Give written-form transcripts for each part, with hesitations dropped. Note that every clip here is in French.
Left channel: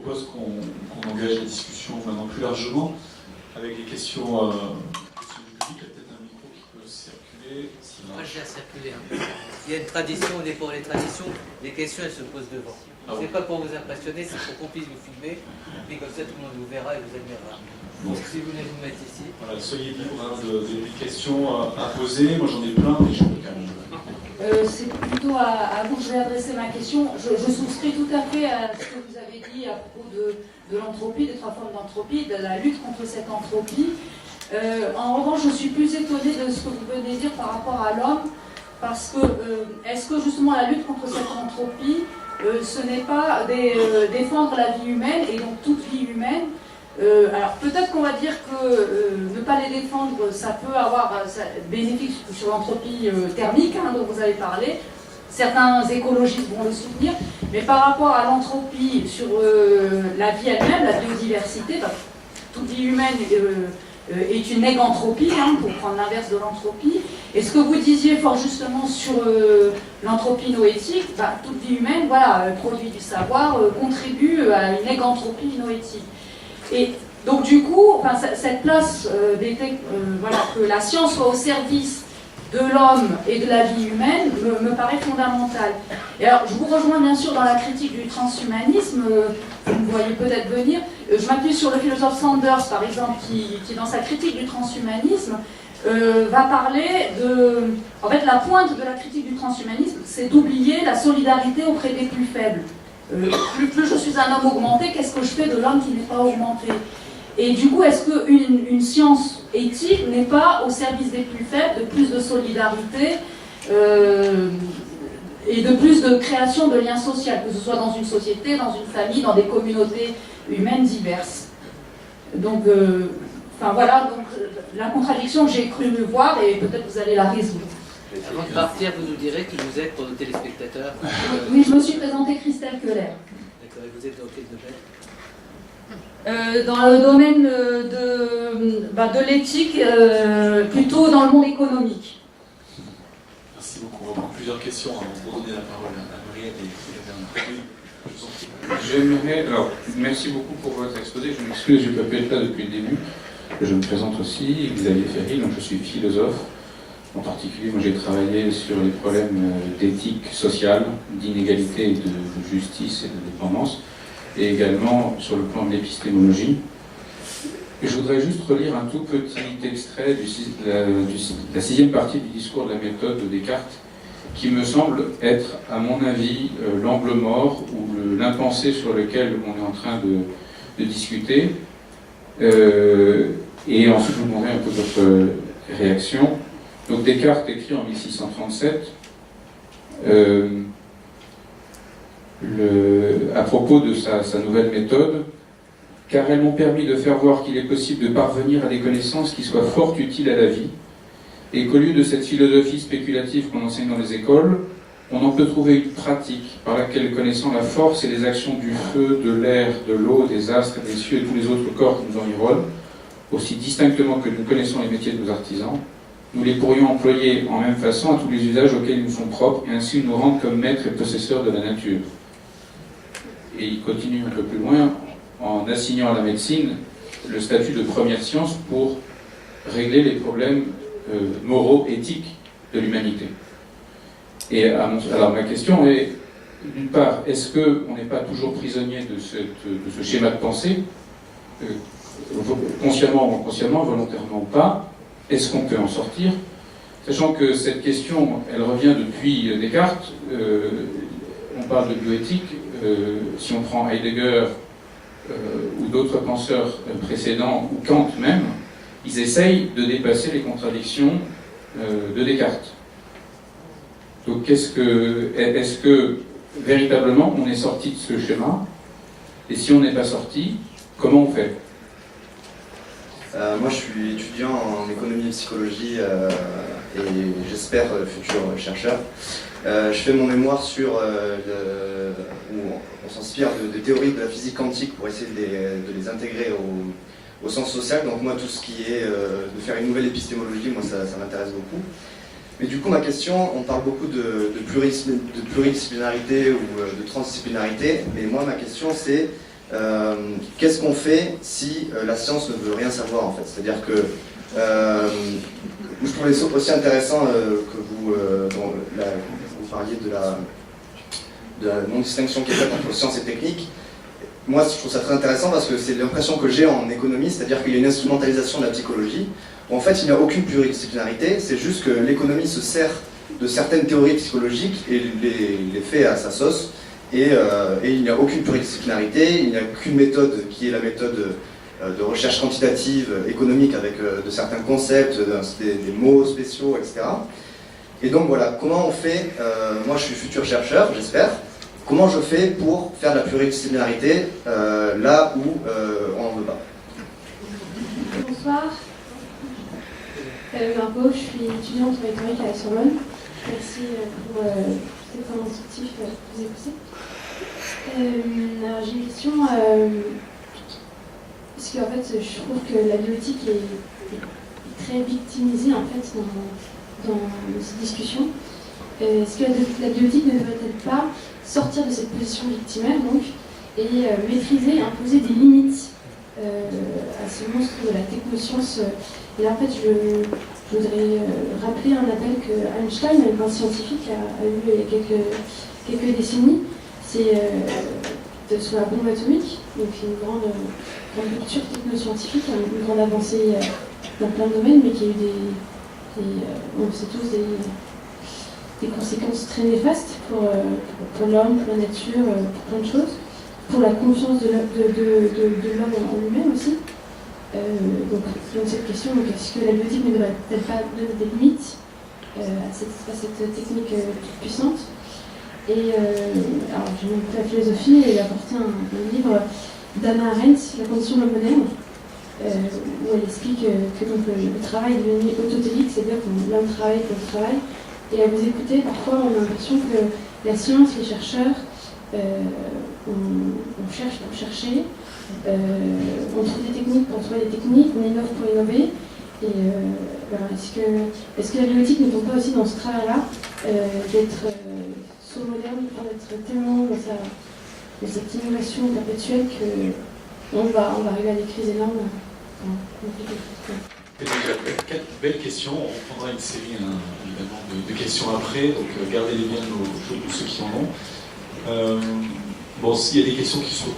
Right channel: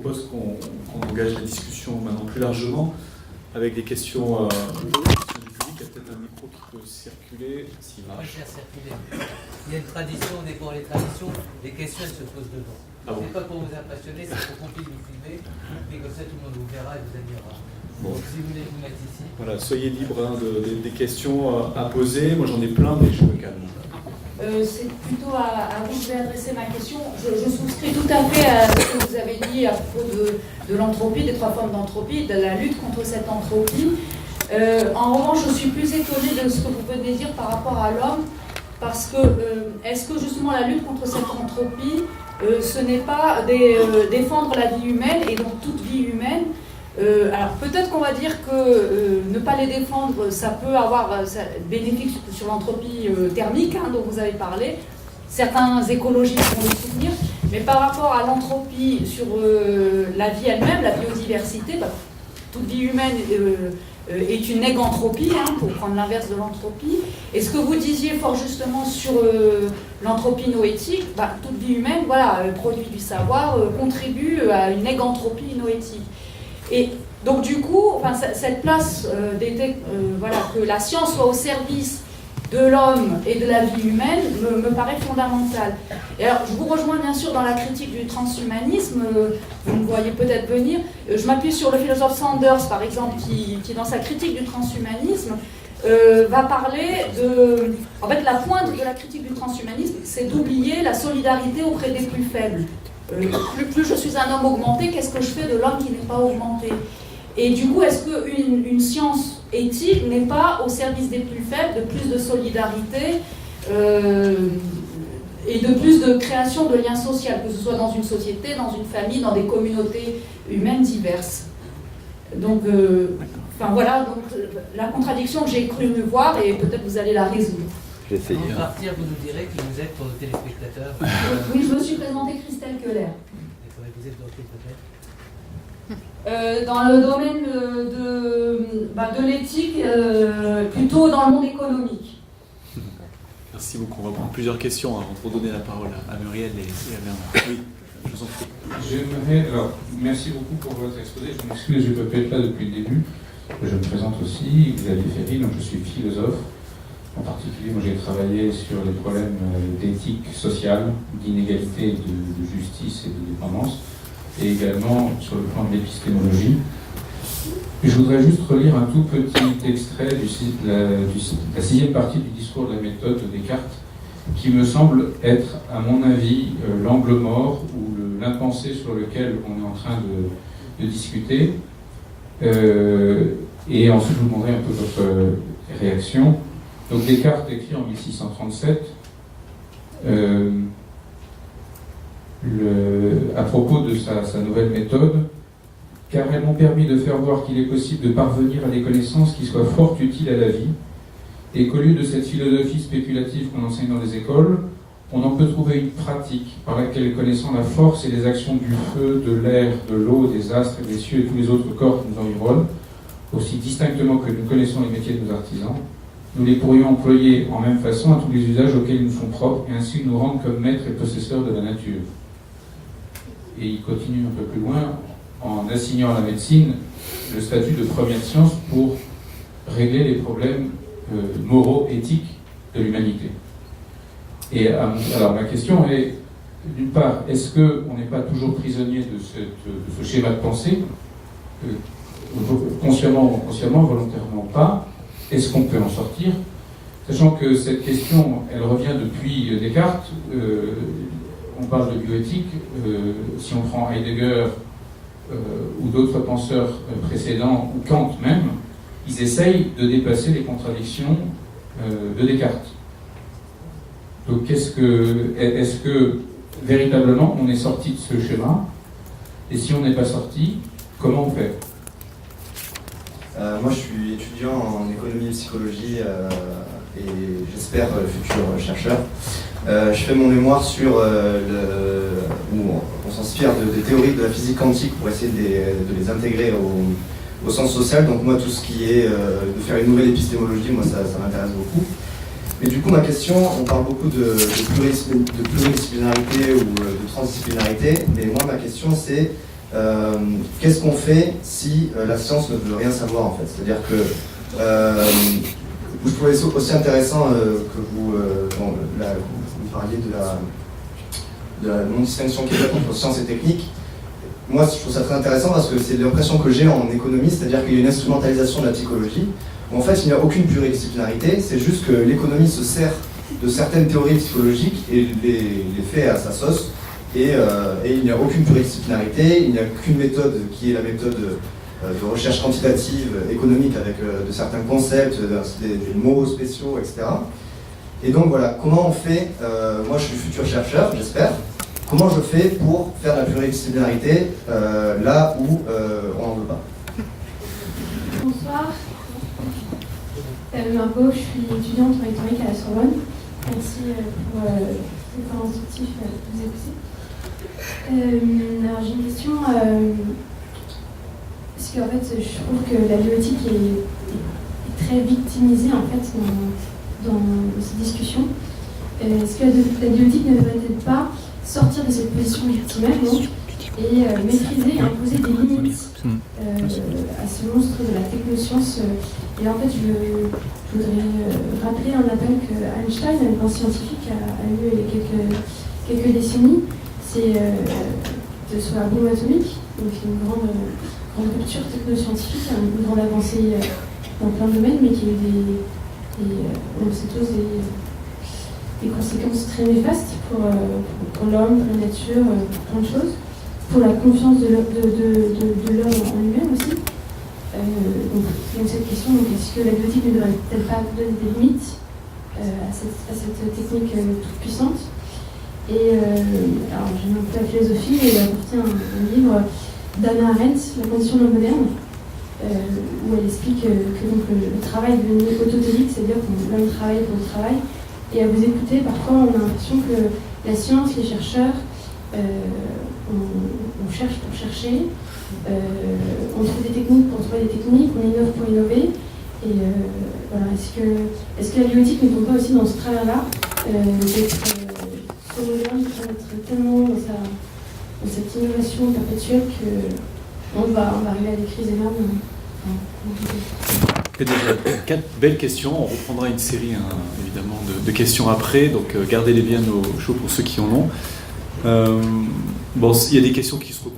propose qu'on engage la discussion maintenant plus largement avec des questions du public. Il y a peut-être un micro qui peut circuler. Moi, je laisse circuler. Il y a une tradition, on est pour les traditions, les questions, elles se posent devant. Ce n'est pas pour vous impressionner, c'est pour qu'on puisse vous filmer. Puis comme ça, tout le monde vous verra et vous admirera. Bon. Donc, si vous voulez vous mettre ici. Voilà, soyez libres des questions à poser. Moi, j'en ai plein, mais je peux quand même. C'est plutôt à vous que je vais adresser ma question. Je souscris tout à fait à ce que vous avez dit à propos de l'entropie, des trois formes d'entropie, de la lutte contre cette entropie. En revanche, je suis plus étonnée de ce que vous venez dire par rapport à l'homme, parce que est-ce que justement la lutte contre cette entropie, ce n'est pas défendre la vie humaine et donc toute vie humaine? Alors peut-être qu'on va dire que ne pas les défendre, ça peut avoir bénéfice sur l'entropie thermique dont vous avez parlé. Certains écologistes vont le soutenir, mais par rapport à l'entropie sur la vie elle-même, la biodiversité, toute vie humaine est une égantropie, pour prendre l'inverse de l'entropie. Et ce que vous disiez fort justement sur l'entropie noétique, toute vie humaine, produit du savoir, contribue à une égantropie noétique. Et donc du coup, cette place que la science soit au service de l'homme et de la vie humaine me paraît fondamentale. Et alors, je vous rejoins bien sûr dans la critique du transhumanisme, vous me voyez peut-être venir. Je m'appuie sur le philosophe Sanders, par exemple, qui dans sa critique du transhumanisme, va parler de... En fait, la pointe de la critique du transhumanisme, c'est d'oublier la solidarité auprès des plus faibles. Plus je suis un homme augmenté, qu'est-ce que je fais de l'homme qui n'est pas augmenté? Et du coup, est-ce qu'une science éthique n'est pas au service des plus faibles, de plus de solidarité et de plus de création de liens sociaux, que ce soit dans une société, dans une famille, dans des communautés humaines diverses? Donc, la contradiction que j'ai cru me voir, et peut-être vous allez la résoudre. Avant de partir, vous nous direz qui vous êtes pour nos téléspectateurs. Oui, je me suis présentée Christelle Keller. D'accord, et vous êtes dans quel domaine? Dans le domaine de l'éthique, plutôt dans le monde économique. Merci beaucoup. On va prendre plusieurs questions avant de redonner la parole à Muriel et à oui, je vous en prie. J'aimerais, merci beaucoup pour votre exposé. Je m'excuse, je ne peux pas être là depuis le début. Je me présente aussi, Xavier Ferry, donc je suis philosophe. En particulier, moi j'ai travaillé sur les problèmes d'éthique sociale, d'inégalité, de justice et de dépendance, et également sur le plan de l'épistémologie. Et je voudrais juste relire un tout petit extrait de la sixième partie du discours de la méthode de Descartes, qui me semble être, à mon avis, l'angle mort ou l'impensé sur lequel on est en train de discuter. Et ensuite, je vous demanderai un peu votre réaction. Donc Descartes écrit en 1637 à propos de sa nouvelle méthode, car elles m'ont permis de faire voir qu'il est possible de parvenir à des connaissances qui soient fort utiles à la vie, et qu'au lieu de cette philosophie spéculative qu'on enseigne dans les écoles, on en peut trouver une pratique par laquelle, connaissant la force et les actions du feu, de l'air, de l'eau, des astres, des cieux et tous les autres corps qui nous environnent, aussi distinctement que nous connaissons les métiers de nos artisans, nous les pourrions employer en même façon à tous les usages auxquels ils nous sont propres, et ainsi nous rendre comme maîtres et possesseurs de la nature. Et il continue un peu plus loin, en assignant à la médecine le statut de première science pour régler les problèmes moraux, éthiques de l'humanité. Et alors ma question est, d'une part, est-ce qu'on n'est pas toujours prisonnier de ce schéma de pensée, consciemment ou inconsciemment, volontairement ou pas? Est-ce qu'on peut en sortir? Sachant que cette question, elle revient depuis Descartes, on parle de bioéthique, si on prend Heidegger ou d'autres penseurs précédents, ou Kant même, ils essayent de dépasser les contradictions de Descartes. Donc est-ce que véritablement on est sorti de ce schéma? Et si on n'est pas sorti, comment on fait? Moi je suis étudiant en économie et psychologie et j'espère futur chercheur. Je fais mon mémoire sur où on s'inspire de théories de la physique quantique pour essayer de les intégrer au sens social. Donc moi tout ce qui est de faire une nouvelle épistémologie, moi ça m'intéresse beaucoup. Mais du coup ma question, on parle beaucoup de pluridisciplinarité ou de transdisciplinarité, et moi ma question c'est qu'est-ce qu'on fait si la science ne veut rien savoir en fait? C'est-à-dire que je trouvais ça aussi intéressant que vous parliez de la non-distinction qui est faite entre science et technique. Moi, je trouve ça très intéressant parce que c'est l'impression que j'ai en économie, c'est-à-dire qu'il y a une instrumentalisation de la psychologie, où en fait il n'y a aucune pluridisciplinarité, c'est juste que l'économie se sert de certaines théories psychologiques et les fait à sa sauce, et il n'y a aucune pluridisciplinarité, il n'y a qu'une méthode qui est la méthode de recherche quantitative économique avec de certains concepts, des mots spéciaux, etc. Et donc voilà, comment on fait, moi je suis futur chercheur, j'espère, comment je fais pour faire de la pluridisciplinarité là où on n'en veut pas? Bonsoir, Margot, je suis étudiante en rhétorique à la Sorbonne. Merci pour cet temps instructif que vous avez poussé. Alors j'ai une question, parce qu'en fait je trouve que la bioéthique est très victimisée en fait dans cette discussion. Est-ce que la bioéthique ne devrait-elle pas sortir de cette position victimaire donc, et maîtriser et imposer des limites à ce monstre de la technoscience? Et en fait, je voudrais rappeler un appel que Einstein, un scientifique, a eu il y a quelques décennies. C'est de son bombe atomique, donc une grande rupture technoscientifique, une grande avancée dans plein de domaines, mais qui a eu on sait tous des conséquences très néfastes pour l'homme, pour la nature, pour plein de choses, pour la confiance de l'homme en lui-même aussi. Donc cette question, est-ce que la bioéthique ne devrait-elle pas donner des limites à cette technique toute puissante? Et alors j'aime un peu la philosophie et j'ai apporté un livre d'Anna Arendt, La condition de l'homme moderne, où elle explique que donc, le travail est devenu autotélique, c'est-à-dire que l'homme travaille pour le travail. Et à vous écouter, parfois on a l'impression que la science, les chercheurs, on cherche pour chercher, on trouve des techniques pour trouver des techniques, on innove pour innover. Et voilà, est-ce que la bioéthique ne tombe pas aussi dans ce travers-là, d'être trop moderne, d'être tellement dans cette innovation perpétuelle qu'on va arriver à des crises énormes? Et déjà, 4 belles questions. On reprendra une série évidemment de questions après, donc gardez-les bien au chaud pour ceux qui en ont. Bon, il y a des questions qui se recoupent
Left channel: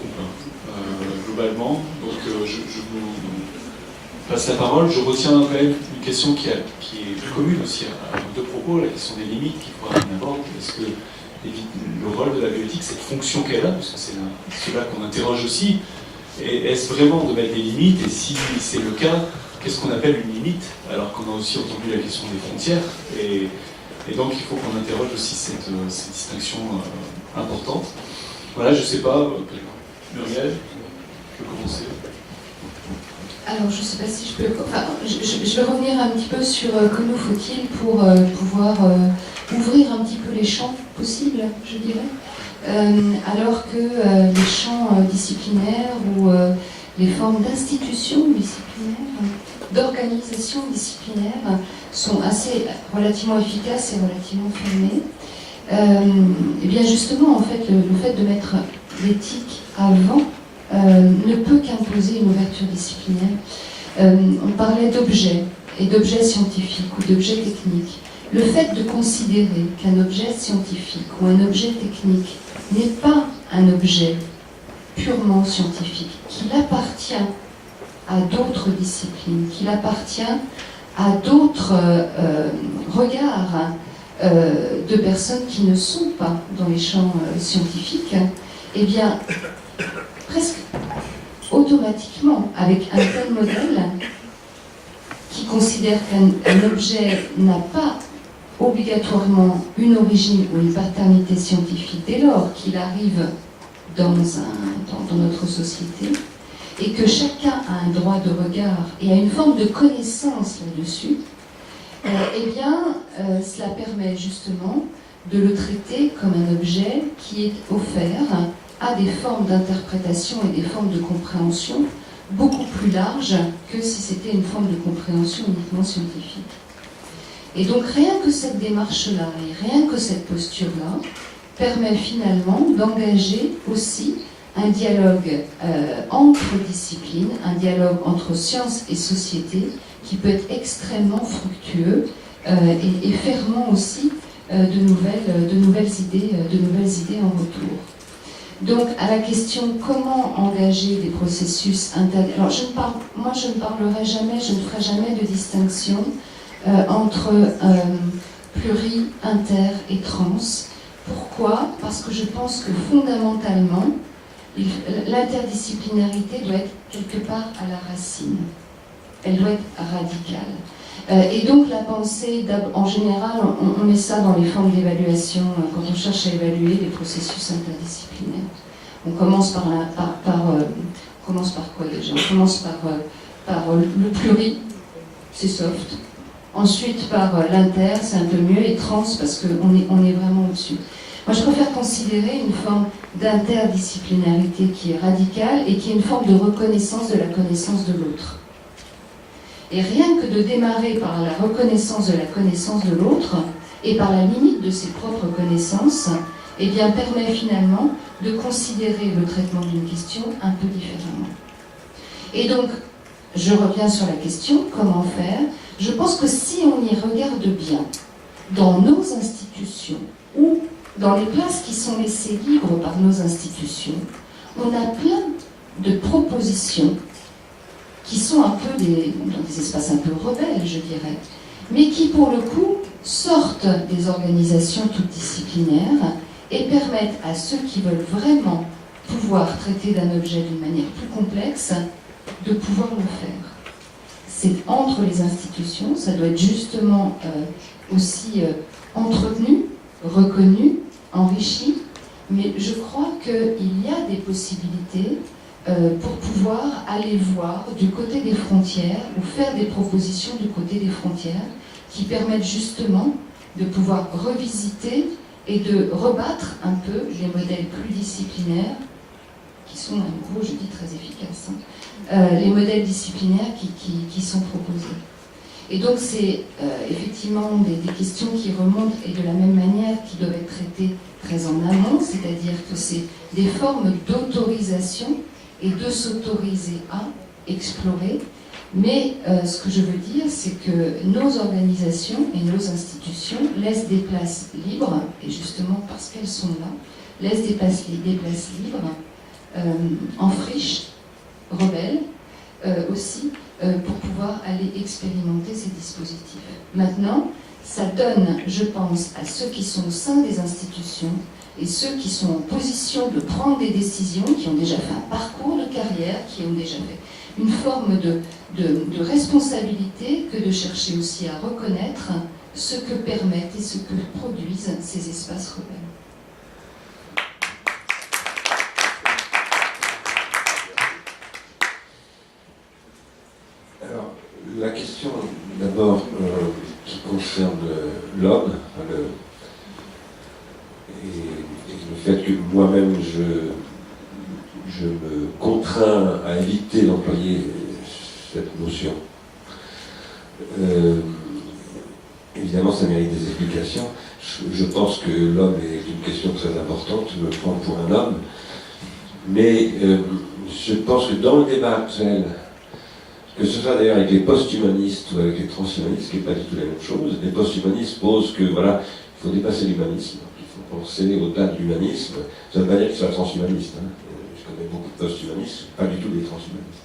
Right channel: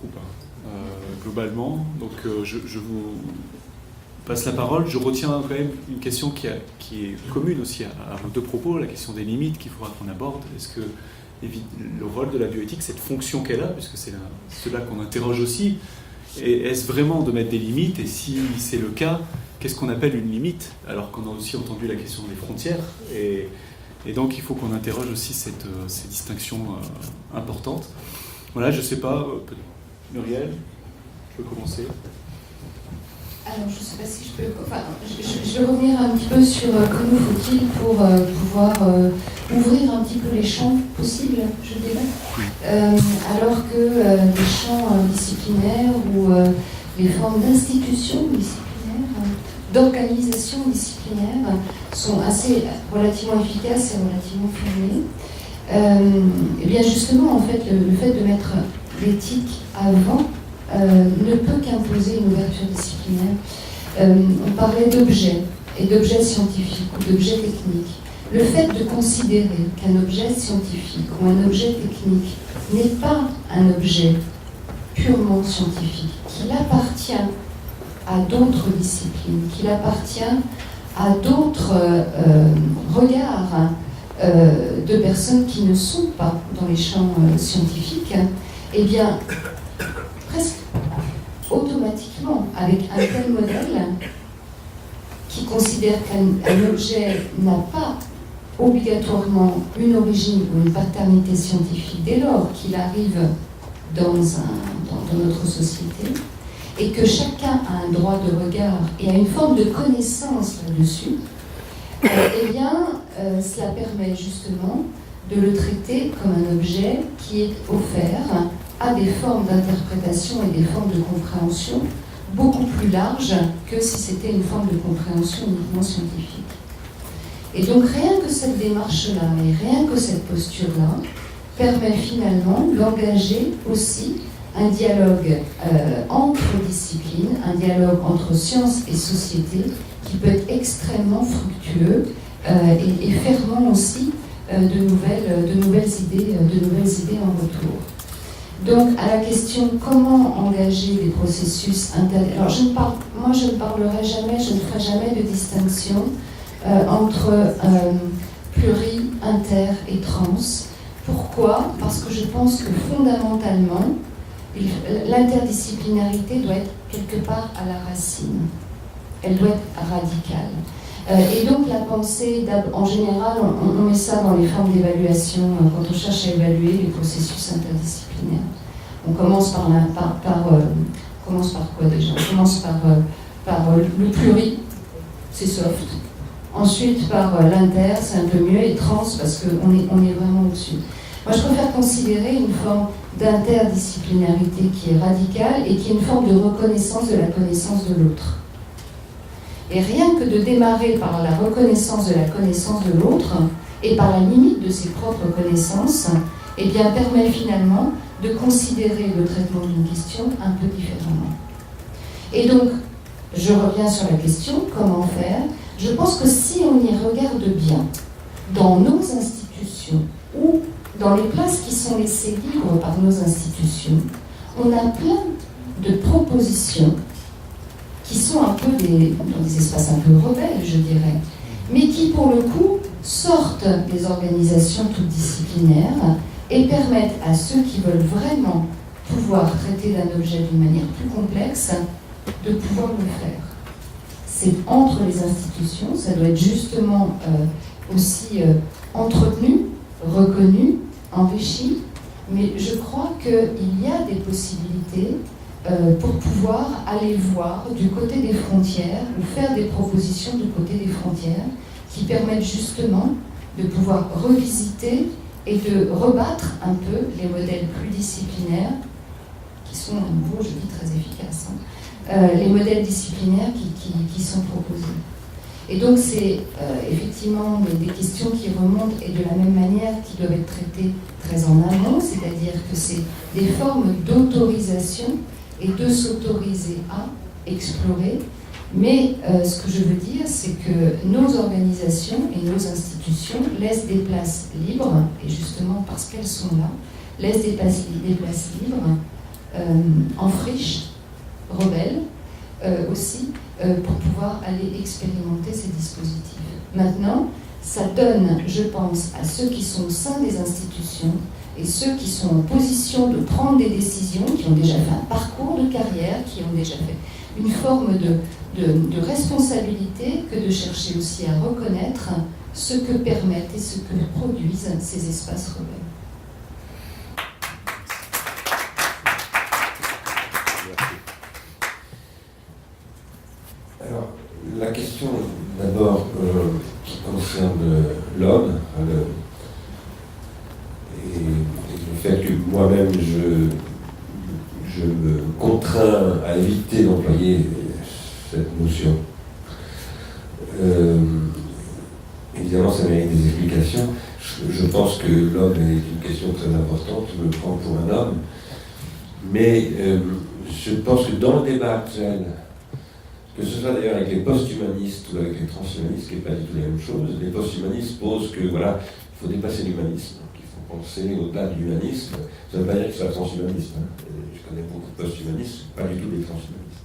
globalement, donc je vous passe la parole. Je retiens quand même une question qui est plus commune aussi à nos deux propos, la question des limites qu'il faudra qu'on aborde. Est-ce que le rôle de la bioéthique, cette fonction qu'elle a, puisque c'est cela qu'on interroge aussi, et est-ce vraiment de mettre des limites, et si c'est le cas, qu'est-ce qu'on appelle une limite, alors qu'on a aussi entendu la question des frontières, et donc il faut qu'on interroge aussi cette distinction importante. Voilà, je ne sais pas, Muriel, je peux commencer. Alors, je ne sais pas si je peux... Enfin, je vais revenir un petit peu sur comment faut-il pour pouvoir ouvrir un petit peu les champs possibles, je dirais, alors que les champs disciplinaires ou les formes d'institutions disciplinaires, d'organisation disciplinaire sont relativement efficaces et relativement fermées. Et bien justement, en fait, le fait de mettre l'éthique avant ne peut qu'imposer une ouverture disciplinaire. On parlait d'objets, et d'objets scientifiques ou d'objets techniques. Le fait de considérer qu'un objet scientifique ou un objet technique n'est pas un objet purement scientifique, qu'il appartient à d'autres disciplines, qu'il appartient à d'autres regards de personnes qui ne sont pas dans les champs scientifiques, eh bien, presque automatiquement, avec un tel modèle qui considère qu'un objet n'a pas obligatoirement une origine ou une paternité scientifique dès lors qu'il arrive dans notre société, et que chacun a un droit de regard et a une forme de connaissance là-dessus, eh bien, cela permet justement de le traiter comme un objet qui est offert à des formes d'interprétation et des formes de compréhension beaucoup plus larges que si c'était une forme de compréhension uniquement scientifique. Et donc rien que cette démarche-là et rien que cette posture-là permet finalement d'engager aussi un dialogue entre disciplines, un dialogue entre sciences et société qui peut être extrêmement fructueux et fermant aussi de nouvelles idées en retour. Donc, à la question comment engager des processus interdits. Alors, je ne parlerai jamais, je ne ferai jamais de distinction entre pluri, inter et trans. Pourquoi ? Parce que je pense que fondamentalement, l'interdisciplinarité doit être quelque part à la racine. Elle doit être radicale. Et donc la pensée, en général, on met ça dans les formes d'évaluation, quand on cherche à évaluer les processus interdisciplinaires. On commence par quoi déjà ? On commence par le pluri, c'est soft. Ensuite par l'inter, c'est un peu mieux, et trans, parce qu'on est vraiment au-dessus. Moi, je préfère considérer une forme d'interdisciplinarité qui est radicale et qui est une forme de reconnaissance de la connaissance de l'autre. Et rien que de démarrer par la reconnaissance de la connaissance de l'autre et par la limite de ses propres connaissances, eh bien, permet finalement de considérer le traitement d'une question un peu différemment. Et donc, je reviens sur la question, comment faire ? Je pense que si on y regarde bien, dans nos institutions ou dans les places qui sont laissées libres par nos institutions, on a plein de propositions qui sont un peu dans des espaces un peu rebelles, je dirais, mais qui, pour le coup, sortent des organisations toutes disciplinaires et permettent à ceux qui veulent vraiment pouvoir traiter d'un objet d'une manière plus complexe de pouvoir le faire. C'est entre les institutions, ça doit être justement aussi entretenu, reconnu, enrichi, mais je crois qu'il y a des possibilités pour pouvoir aller voir du côté des frontières ou faire des propositions du côté des frontières qui permettent justement de pouvoir revisiter et de rebattre un peu les modèles plus disciplinaires qui sont, à nouveau, je dis, très efficaces, les modèles disciplinaires qui sont proposés. Et donc c'est effectivement des questions qui remontent et de la même manière qui doivent être traitées très en amont, c'est-à-dire que c'est des formes d'autorisation et de s'autoriser à explorer. Mais ce que je veux dire, c'est que nos organisations et nos institutions laissent des places libres, et justement parce qu'elles sont là, laissent des places libres, en friche, rebelles, aussi, pour pouvoir aller expérimenter ces dispositifs. Maintenant, ça donne, je pense, à ceux qui sont au sein des institutions et ceux qui sont en position de prendre des décisions, qui ont déjà fait un parcours de carrière, qui ont déjà fait une forme de responsabilité, que de chercher aussi à reconnaître ce que permettent et ce que produisent ces espaces rebelles. Alors, la question d'abord qui concerne l'homme, et le fait que moi-même je me contrains à éviter d'employer cette notion. Évidemment, ça mérite des explications. Je pense que l'homme est une question très importante, je me prends pour un homme, mais je pense que dans le débat actuel, que ce soit d'ailleurs avec les post-humanistes ou avec les transhumanistes, ce qui n'est pas du tout la même chose, les post-humanistes posent que voilà, il faut dépasser l'humanisme, il faut penser au-delà de l'humanisme. Ça ne veut pas dire qu'ils soient transhumanistes. Je connais beaucoup de post-humanistes, pas du tout des transhumanistes.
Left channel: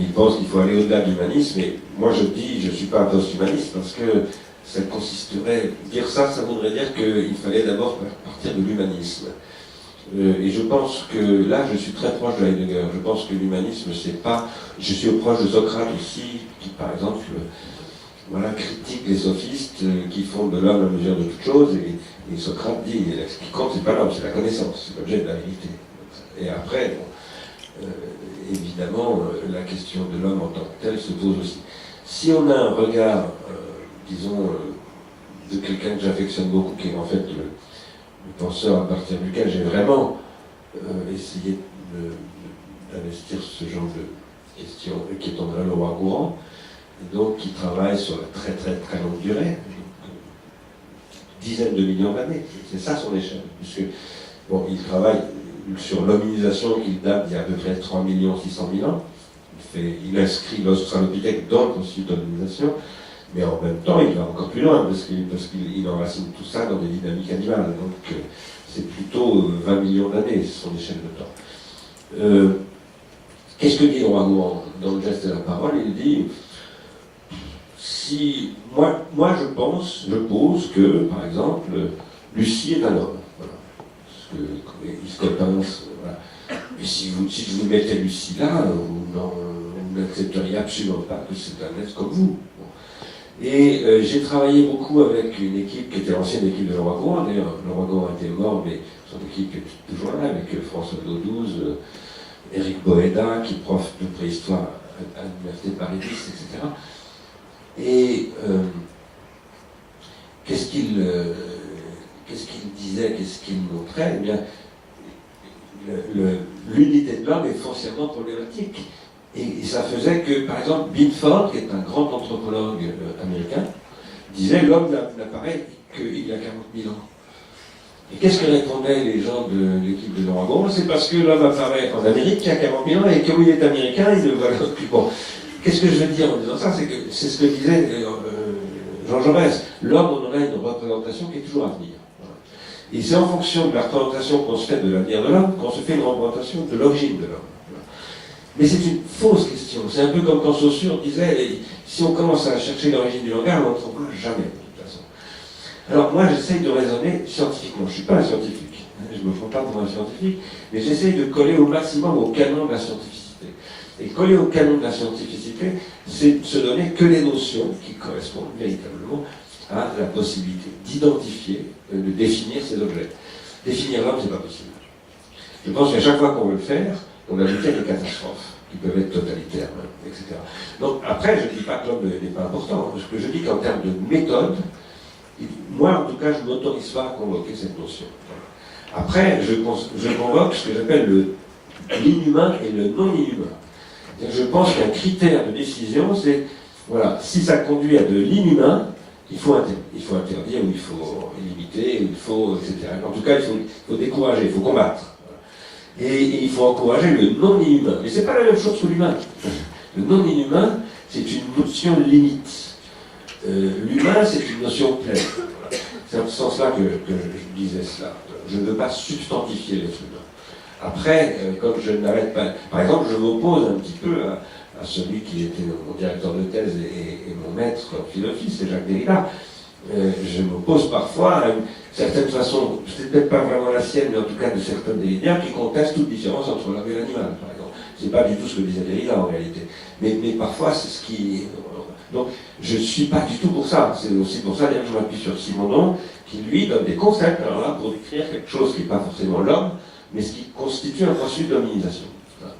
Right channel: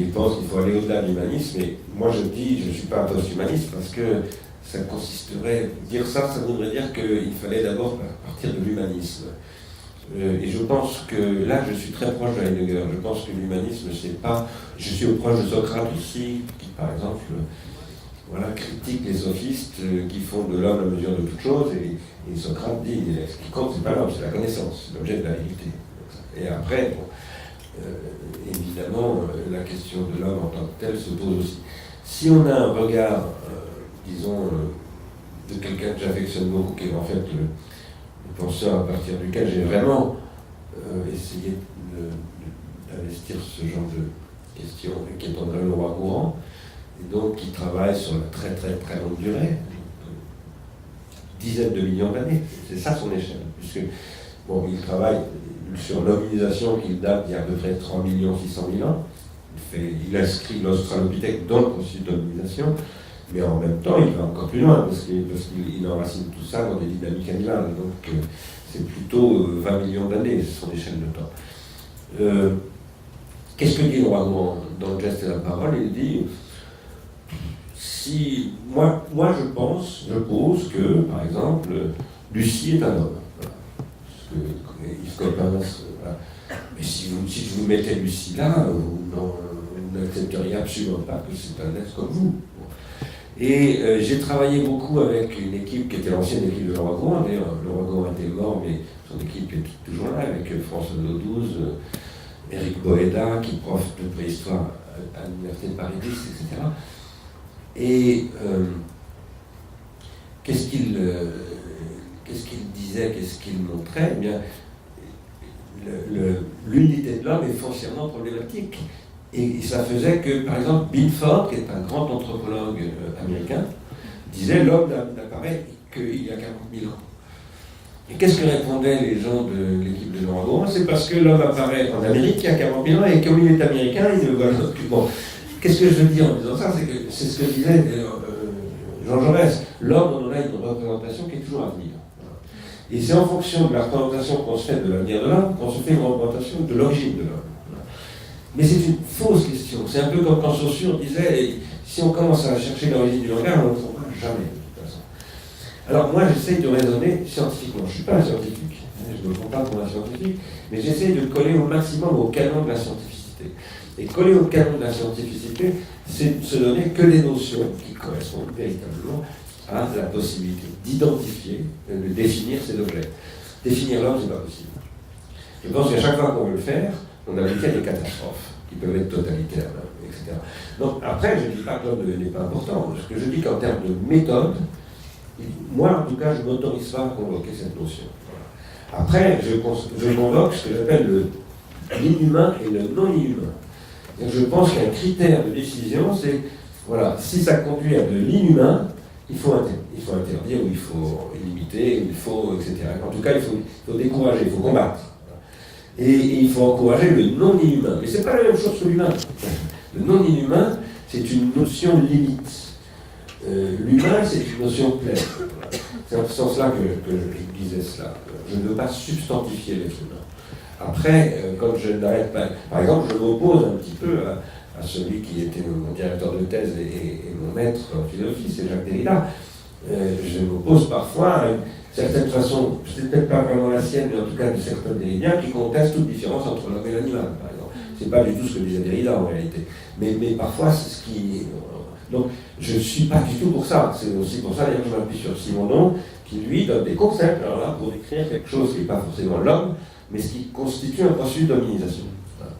Ils pensent qu'il faut aller au-delà de l'humanisme, et moi je dis, je ne suis pas un post-humaniste parce que ça consisterait, dire ça, ça voudrait dire qu'il fallait d'abord partir de l'humanisme. Et je pense que là, je suis très proche de Heidegger. Je pense que l'humanisme, c'est pas. Je suis proche de Socrate aussi, qui par exemple, voilà, critique les sophistes qui font de l'homme la mesure de toute chose. Et Socrate dit ce qui compte, c'est pas l'homme, c'est la connaissance, c'est l'objet de la vérité. Et après, bon, évidemment, la question de l'homme en tant que tel se pose aussi. Si on a un regard, disons, de quelqu'un que j'affectionne beaucoup, qui est en fait le penseur à partir duquel j'ai vraiment essayé d'investir ce genre de questions, qui est André Leroi-Gourhan, et donc qui travaille sur la très très très longue durée, dizaines de millions d'années, c'est ça son échelle, puisque bon, il travaille sur l'hominisation qu'il date d'il y a à peu près 3 600 000 ans. Il inscrit l'Australopithèque dans le processus d'hominisation, mais en même temps, il va encore plus loin, parce qu'il enracine tout ça dans des dynamiques animales. Donc, c'est plutôt 20 millions d'années, ce sont des chaînes de temps. Qu'est-ce que dit le roi Gourand dans le geste de la parole? Il dit, si moi je pose que, par exemple, Lucie est un homme. Voilà. Parce que voilà. Et si je vous mettez Lucie là, vous n'accepteriez absolument pas que c'est un être comme vous. Et j'ai travaillé beaucoup avec une équipe qui était l'ancienne équipe de Laurent Gourand. D'ailleurs, Laurent Gourand était mort, mais son équipe est toujours là, avec François Daudouze, Éric Boéda, qui est prof de préhistoire à l'Université de Paris 10, etc. Et qu'est-ce qu'il disait, qu'est-ce qu'il montrait? Eh bien, l'unité de l'homme est foncièrement problématique. Et ça faisait que, par exemple, Binford, qui est un grand anthropologue américain, disait l'homme n'apparaît qu'il y a 40 000 ans. Et qu'est-ce que répondaient les gens de l'équipe de Laurent Gourand? C'est parce que l'homme apparaît en Amérique il y a 40 000 ans et comme il est américain, il ne voit plus. Bon, qu'est-ce que je veux dire en disant ça? C'est ce que disait Jean Jaurès. L'homme, on en a une représentation qui est toujours à venir. Et c'est en fonction de la représentation qu'on se fait de l'avenir de l'homme qu'on se fait une représentation de l'origine de l'homme. Mais c'est une fausse question. C'est un peu comme quand Saussure disait, si on commence à chercher l'origine du langage, on ne trouvera jamais, de toute façon. Alors moi, j'essaye de raisonner scientifiquement. Je ne suis pas un scientifique, je ne me prends pas pour un scientifique, mais j'essaye de coller au maximum au canon de la scientificité. Et coller au canon de la scientificité, c'est se donner que des notions qui correspondent véritablement à la possibilité d'identifier, de définir ces objets. Définir l'homme, c'est pas possible. Je pense qu'à chaque fois qu'on veut le faire, on a des catastrophes qui peuvent être totalitaires, etc. Donc après, je ne dis pas que l'homme n'est pas important. Ce que je dis qu'en termes de méthode, moi en tout cas, je ne m'autorise pas à convoquer cette notion. Après, je convoque ce que j'appelle l'inhumain et le non-inhumain. Je pense qu'un critère de décision, c'est, voilà, si ça conduit à de l'inhumain, il faut interdire, ou il faut limiter, ou il faut, etc. En tout cas, il faut décourager, il faut combattre. Et il faut encourager le non-inhumain. Mais ce n'est pas la même chose que l'humain. Le non-inhumain, c'est une notion limite. L'humain, c'est une notion pleine. C'est en ce sens-là que je disais cela. Je ne veux pas substantifier les humains. Après, comme je n'arrête pas... Par exemple, je m'oppose un petit peu à celui qui était mon directeur de thèse et mon maître en philosophie, c'est Jacques Derrida. Je m'oppose parfois à une certaine façon, c'est peut-être pas vraiment la sienne, mais en tout cas de certains Derridiens qui contestent toute différence entre l'homme et l'animal, par exemple. C'est pas du tout ce que disait Derrida en réalité. Mais parfois, c'est ce qui... Donc, je ne suis pas du tout pour ça. C'est aussi pour ça que je m'appuie sur Simondon, qui lui donne des concepts, alors là, pour décrire quelque chose qui n'est pas forcément l'homme, mais ce qui constitue un processus d'hominisation. Voilà.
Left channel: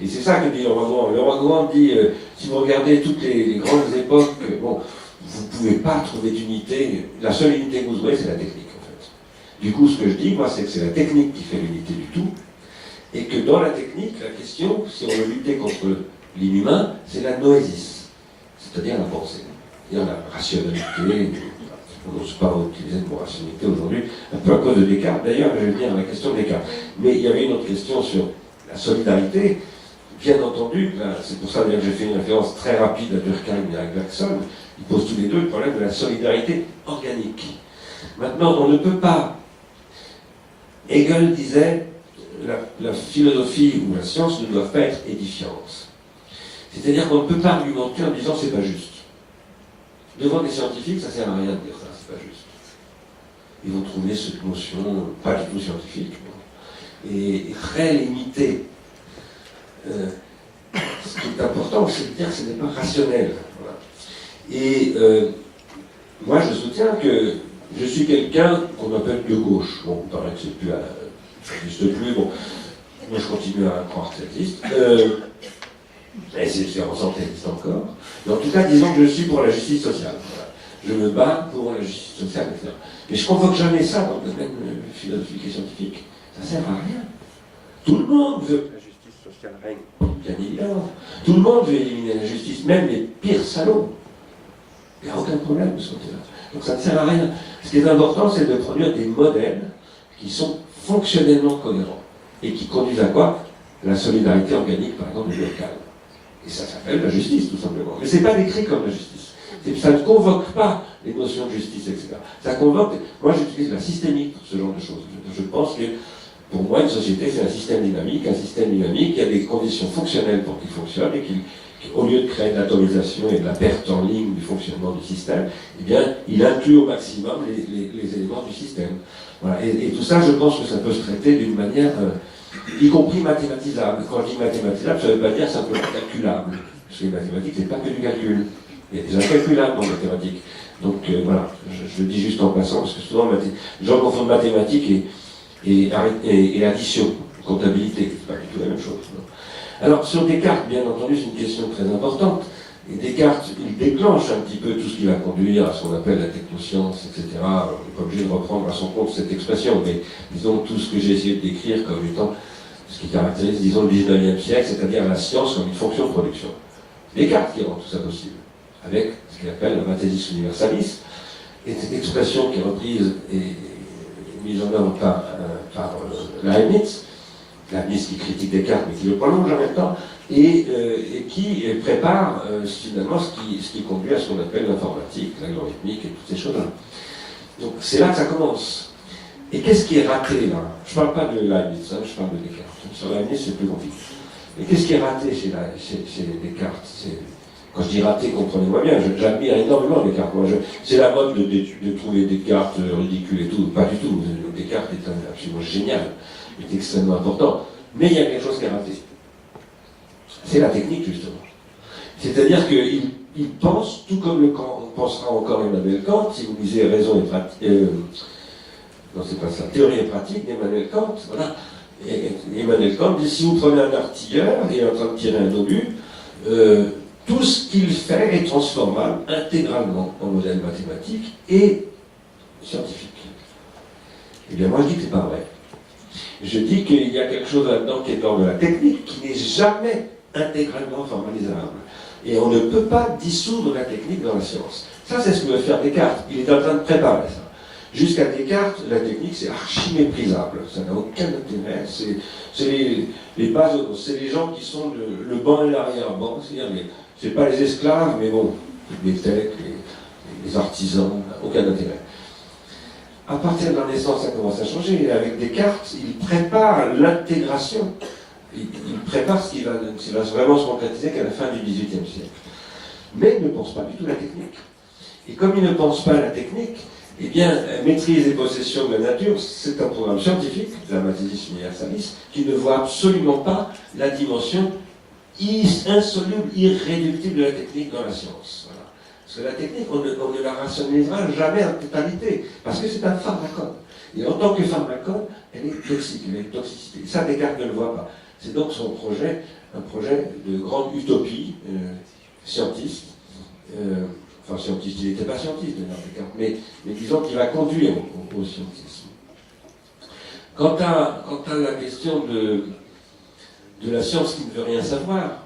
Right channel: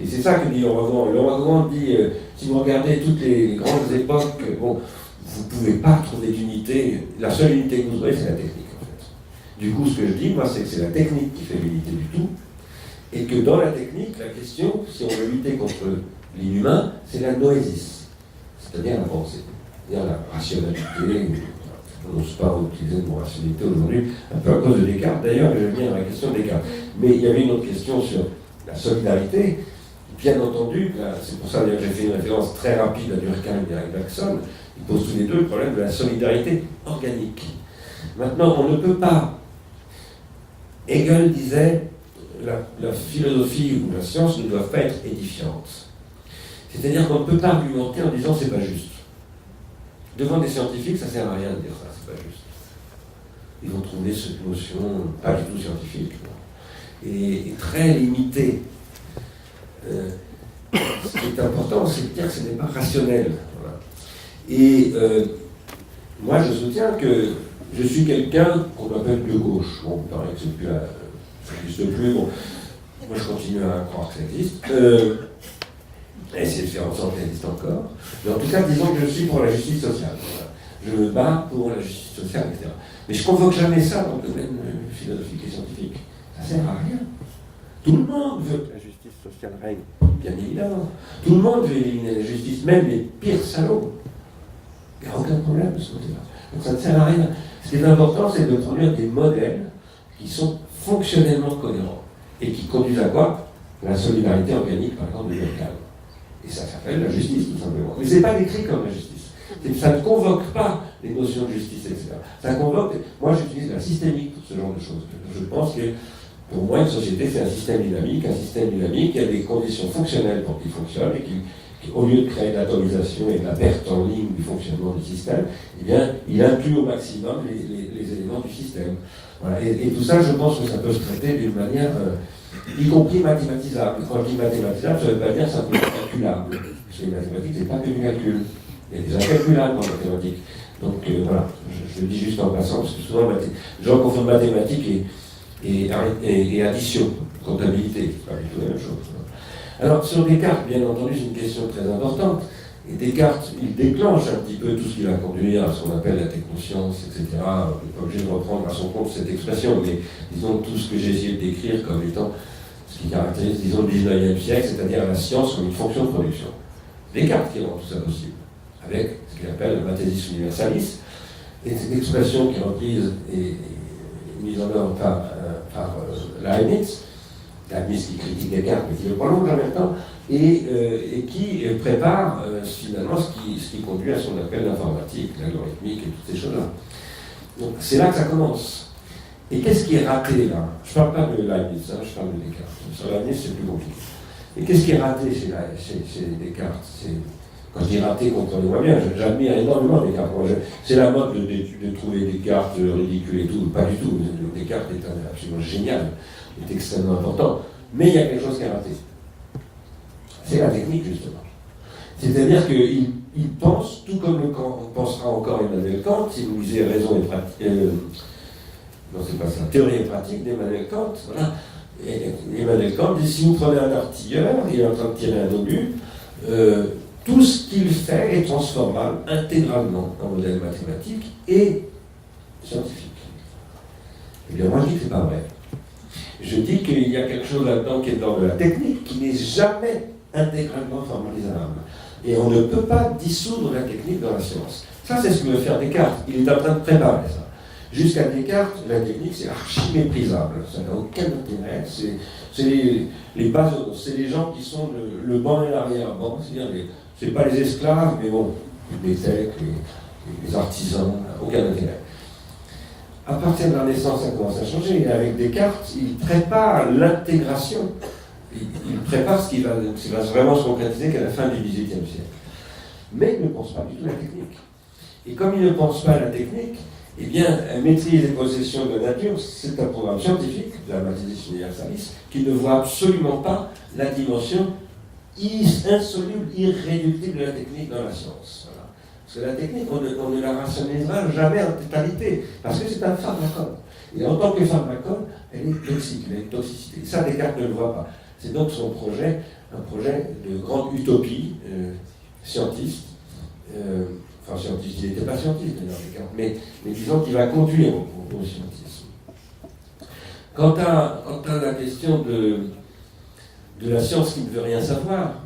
Et c'est ça que dit Laurent Gourand. Laurent Gourand dit, si vous regardez toutes les grandes époques, bon, vous ne pouvez pas trouver d'unité. La seule unité que vous aurez, c'est la technique, en fait. Du coup, ce que je dis, moi, c'est que c'est la technique qui fait l'unité du tout, et que dans la technique, la question, si on veut lutter contre l'inhumain, c'est la noésis, c'est-à-dire la pensée, c'est-à-dire la rationalité. On n'ose pas utiliser le mot rationalité aujourd'hui, un peu à cause de Descartes. D'ailleurs, je vais venir à la question de Descartes. Mais il y avait une autre question sur la solidarité. Bien entendu, c'est pour ça que j'ai fait une référence très rapide à Durkheim et à Bergson. Ils posent tous les deux le problème de la solidarité organique. Maintenant, on ne peut pas. Hegel disait la philosophie ou la science ne doivent pas être édifiantes. C'est-à-dire qu'on ne peut pas argumenter en disant c'est pas juste. Devant des scientifiques, ça ne sert à rien de dire ça, c'est pas juste. Ils vont trouver cette notion pas du tout scientifique, et très limitée. Ce qui est important, c'est de dire que ce n'est pas rationnel. Voilà. Et moi, je soutiens que je suis quelqu'un qu'on appelle de gauche. Bon, il paraît que c'est plus ça n'existe plus. Bon, moi, je continue à croire que ça existe. Et c'est en sorte qu'elle existe encore. Mais en tout cas, disons que je suis pour la justice sociale. Voilà. Je me bats pour la justice sociale, etc. Mais je ne convoque jamais ça dans le domaine philosophique et scientifique. Ça ne sert à rien. Tout le monde veut que la justice sociale règne, bien évidemment. Tout le monde veut éliminer la justice, même les pires salauds. Il n'y a aucun problème de ce côté-là. Donc ça ne sert à rien. Ce qui est important, c'est de produire des modèles qui sont fonctionnellement cohérents. et qui conduisent à quoi? La solidarité organique, par exemple, locale. Et ça s'appelle la justice, tout simplement. Mais ce n'est pas décrit comme la justice. Ça ne convoque pas les notions de justice, etc. Ça convoque, moi j'utilise la systémique pour ce genre de choses. Je pense que, pour moi, une société, c'est un système dynamique. Un système dynamique, il y a des conditions fonctionnelles pour qu'il fonctionne, et qu'au lieu de créer de l'atomisation et de la perte en ligne du fonctionnement du système, eh bien, il inclut au maximum les éléments du système. Voilà. Et tout ça, je pense que ça peut se traiter d'une manière, y compris mathématisable. Quand je dis mathématisable, ça ne veut pas dire simplement calculable. Parce que les mathématiques, c'est pas que du calcul. Il y a des incalculables en mathématiques. Donc voilà, je le dis juste en passant, parce que souvent, les gens confondent mathématiques et addition, comptabilité. C'est pas du tout la même chose. Alors, sur Descartes, bien entendu, c'est une question très importante. Et Descartes, il déclenche un petit peu tout ce qui va conduire à ce qu'on appelle la technoscience, etc. On n'est pas obligé de reprendre à son compte cette expression, mais disons tout ce que j'ai essayé de décrire comme étant ce qui caractérise, disons, le 19e siècle, c'est-à-dire la science comme une fonction de production. Descartes qui rend tout ça possible, avec ce qu'il appelle le Mathesis Universalis, et cette expression qui est reprise et mise en œuvre par Leibniz, Leibniz qui critique Descartes mais qui le prolonge en même temps, et qui prépare finalement ce qui conduit à ce qu'on appelle l'informatique, l'algorithmique et toutes ces choses-là. Donc c'est là que ça commence. Et qu'est-ce qui est raté là? Je ne parle pas de Leibniz, je parle de Descartes. Sur Leibniz, c'est plus compliqué. Et qu'est-ce qui est raté chez Descartes? Quand je dis raté, comprenez-moi bien, j'admire énormément Descartes. C'est la mode de trouver Descartes ridicule et tout. Pas du tout. Descartes est absolument génial. Il est extrêmement important. Mais il y a quelque chose qui est raté. C'est la technique, justement. C'est-à-dire qu'il pense, tout comme le Kant, on pensera encore Emmanuel Kant, si vous lisez Raison et pratique, non, c'est pas ça, Théorie et pratique d'Emmanuel Kant, voilà. Et Emmanuel Kant dit, si vous prenez un artilleur, il est en train de tirer un obus, tout ce qu'il fait est transformable intégralement en modèle mathématique et scientifique. Eh bien, moi, je dis que c'est pas vrai. Je dis qu'il y a quelque chose là-dedans qui est dans de la technique, qui n'est jamais intégralement formalisable. Et on ne peut pas dissoudre la technique dans la science. Ça, c'est ce que veut faire Descartes. Il est en train de préparer ça. Jusqu'à Descartes, la technique, c'est archi-méprisable. Ça n'a aucun intérêt. C'est les bases, c'est les gens qui sont le banc et l'arrière-banc. C'est-à-dire, c'est pas les esclaves, mais bon, les têtes, les artisans, aucun intérêt. À partir de la Renaissance, ça commence à changer. Et avec Descartes, il prépare l'intégration. Il prépare ce qui va vraiment se concrétiser qu'à la fin du XVIIIe siècle. Mais il ne pense pas du tout à la technique. Et comme il ne pense pas à la technique, eh bien, maîtrise et possession de la nature, c'est un programme scientifique, la Mathesis Universalis, qui ne voit absolument pas la dimension insoluble, irréductible de la technique dans la science. Voilà. Parce que la technique, on ne la rationalisera jamais en totalité, parce que c'est un pharmacone. Et en tant que pharmacone, elle est toxique, elle est toxicité. Ça, Descartes ne le voit pas. C'est donc son projet, un projet de grande utopie scientiste. Enfin, scientiste, il n'était pas scientiste, mais disons qu'il va conduire au scientisme. Quant à la question de la science qui ne veut rien savoir,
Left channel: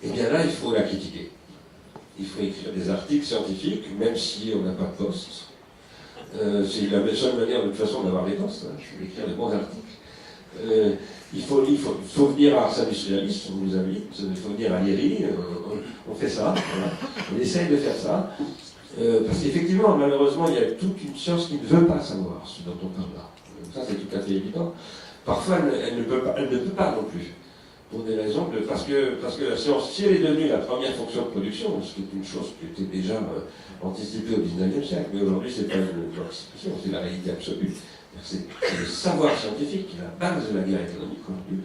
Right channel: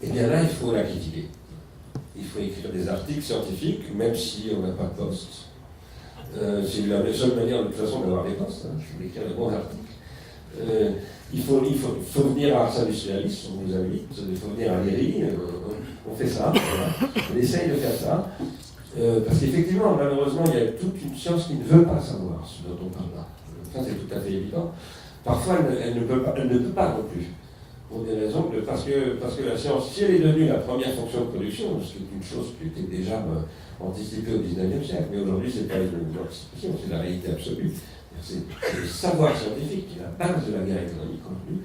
eh bien là, il faut la critiquer. Il faut écrire des articles scientifiques, même si on n'a pas de poste. C'est la seule manière, de toute façon, d'avoir des postes. Je vais écrire des bons articles. Il faut venir à Ars Industrialis, vous nous avez dit, il faut venir à l'IRI, on fait ça, voilà. On essaye de faire ça, parce qu'effectivement, malheureusement, il y a toute une science qui ne veut pas savoir ce dont on parle là. Ça, c'est tout à fait évident. Parfois, elle ne peut pas non plus, pour des raisons, parce que la science, si elle est devenue la première fonction de production, ce qui est une chose qui était déjà anticipée au XIXe siècle, mais aujourd'hui, ce n'est pas une anticipation, c'est la réalité absolue. C'est le savoir scientifique qui est la base de la guerre économique aujourd'hui.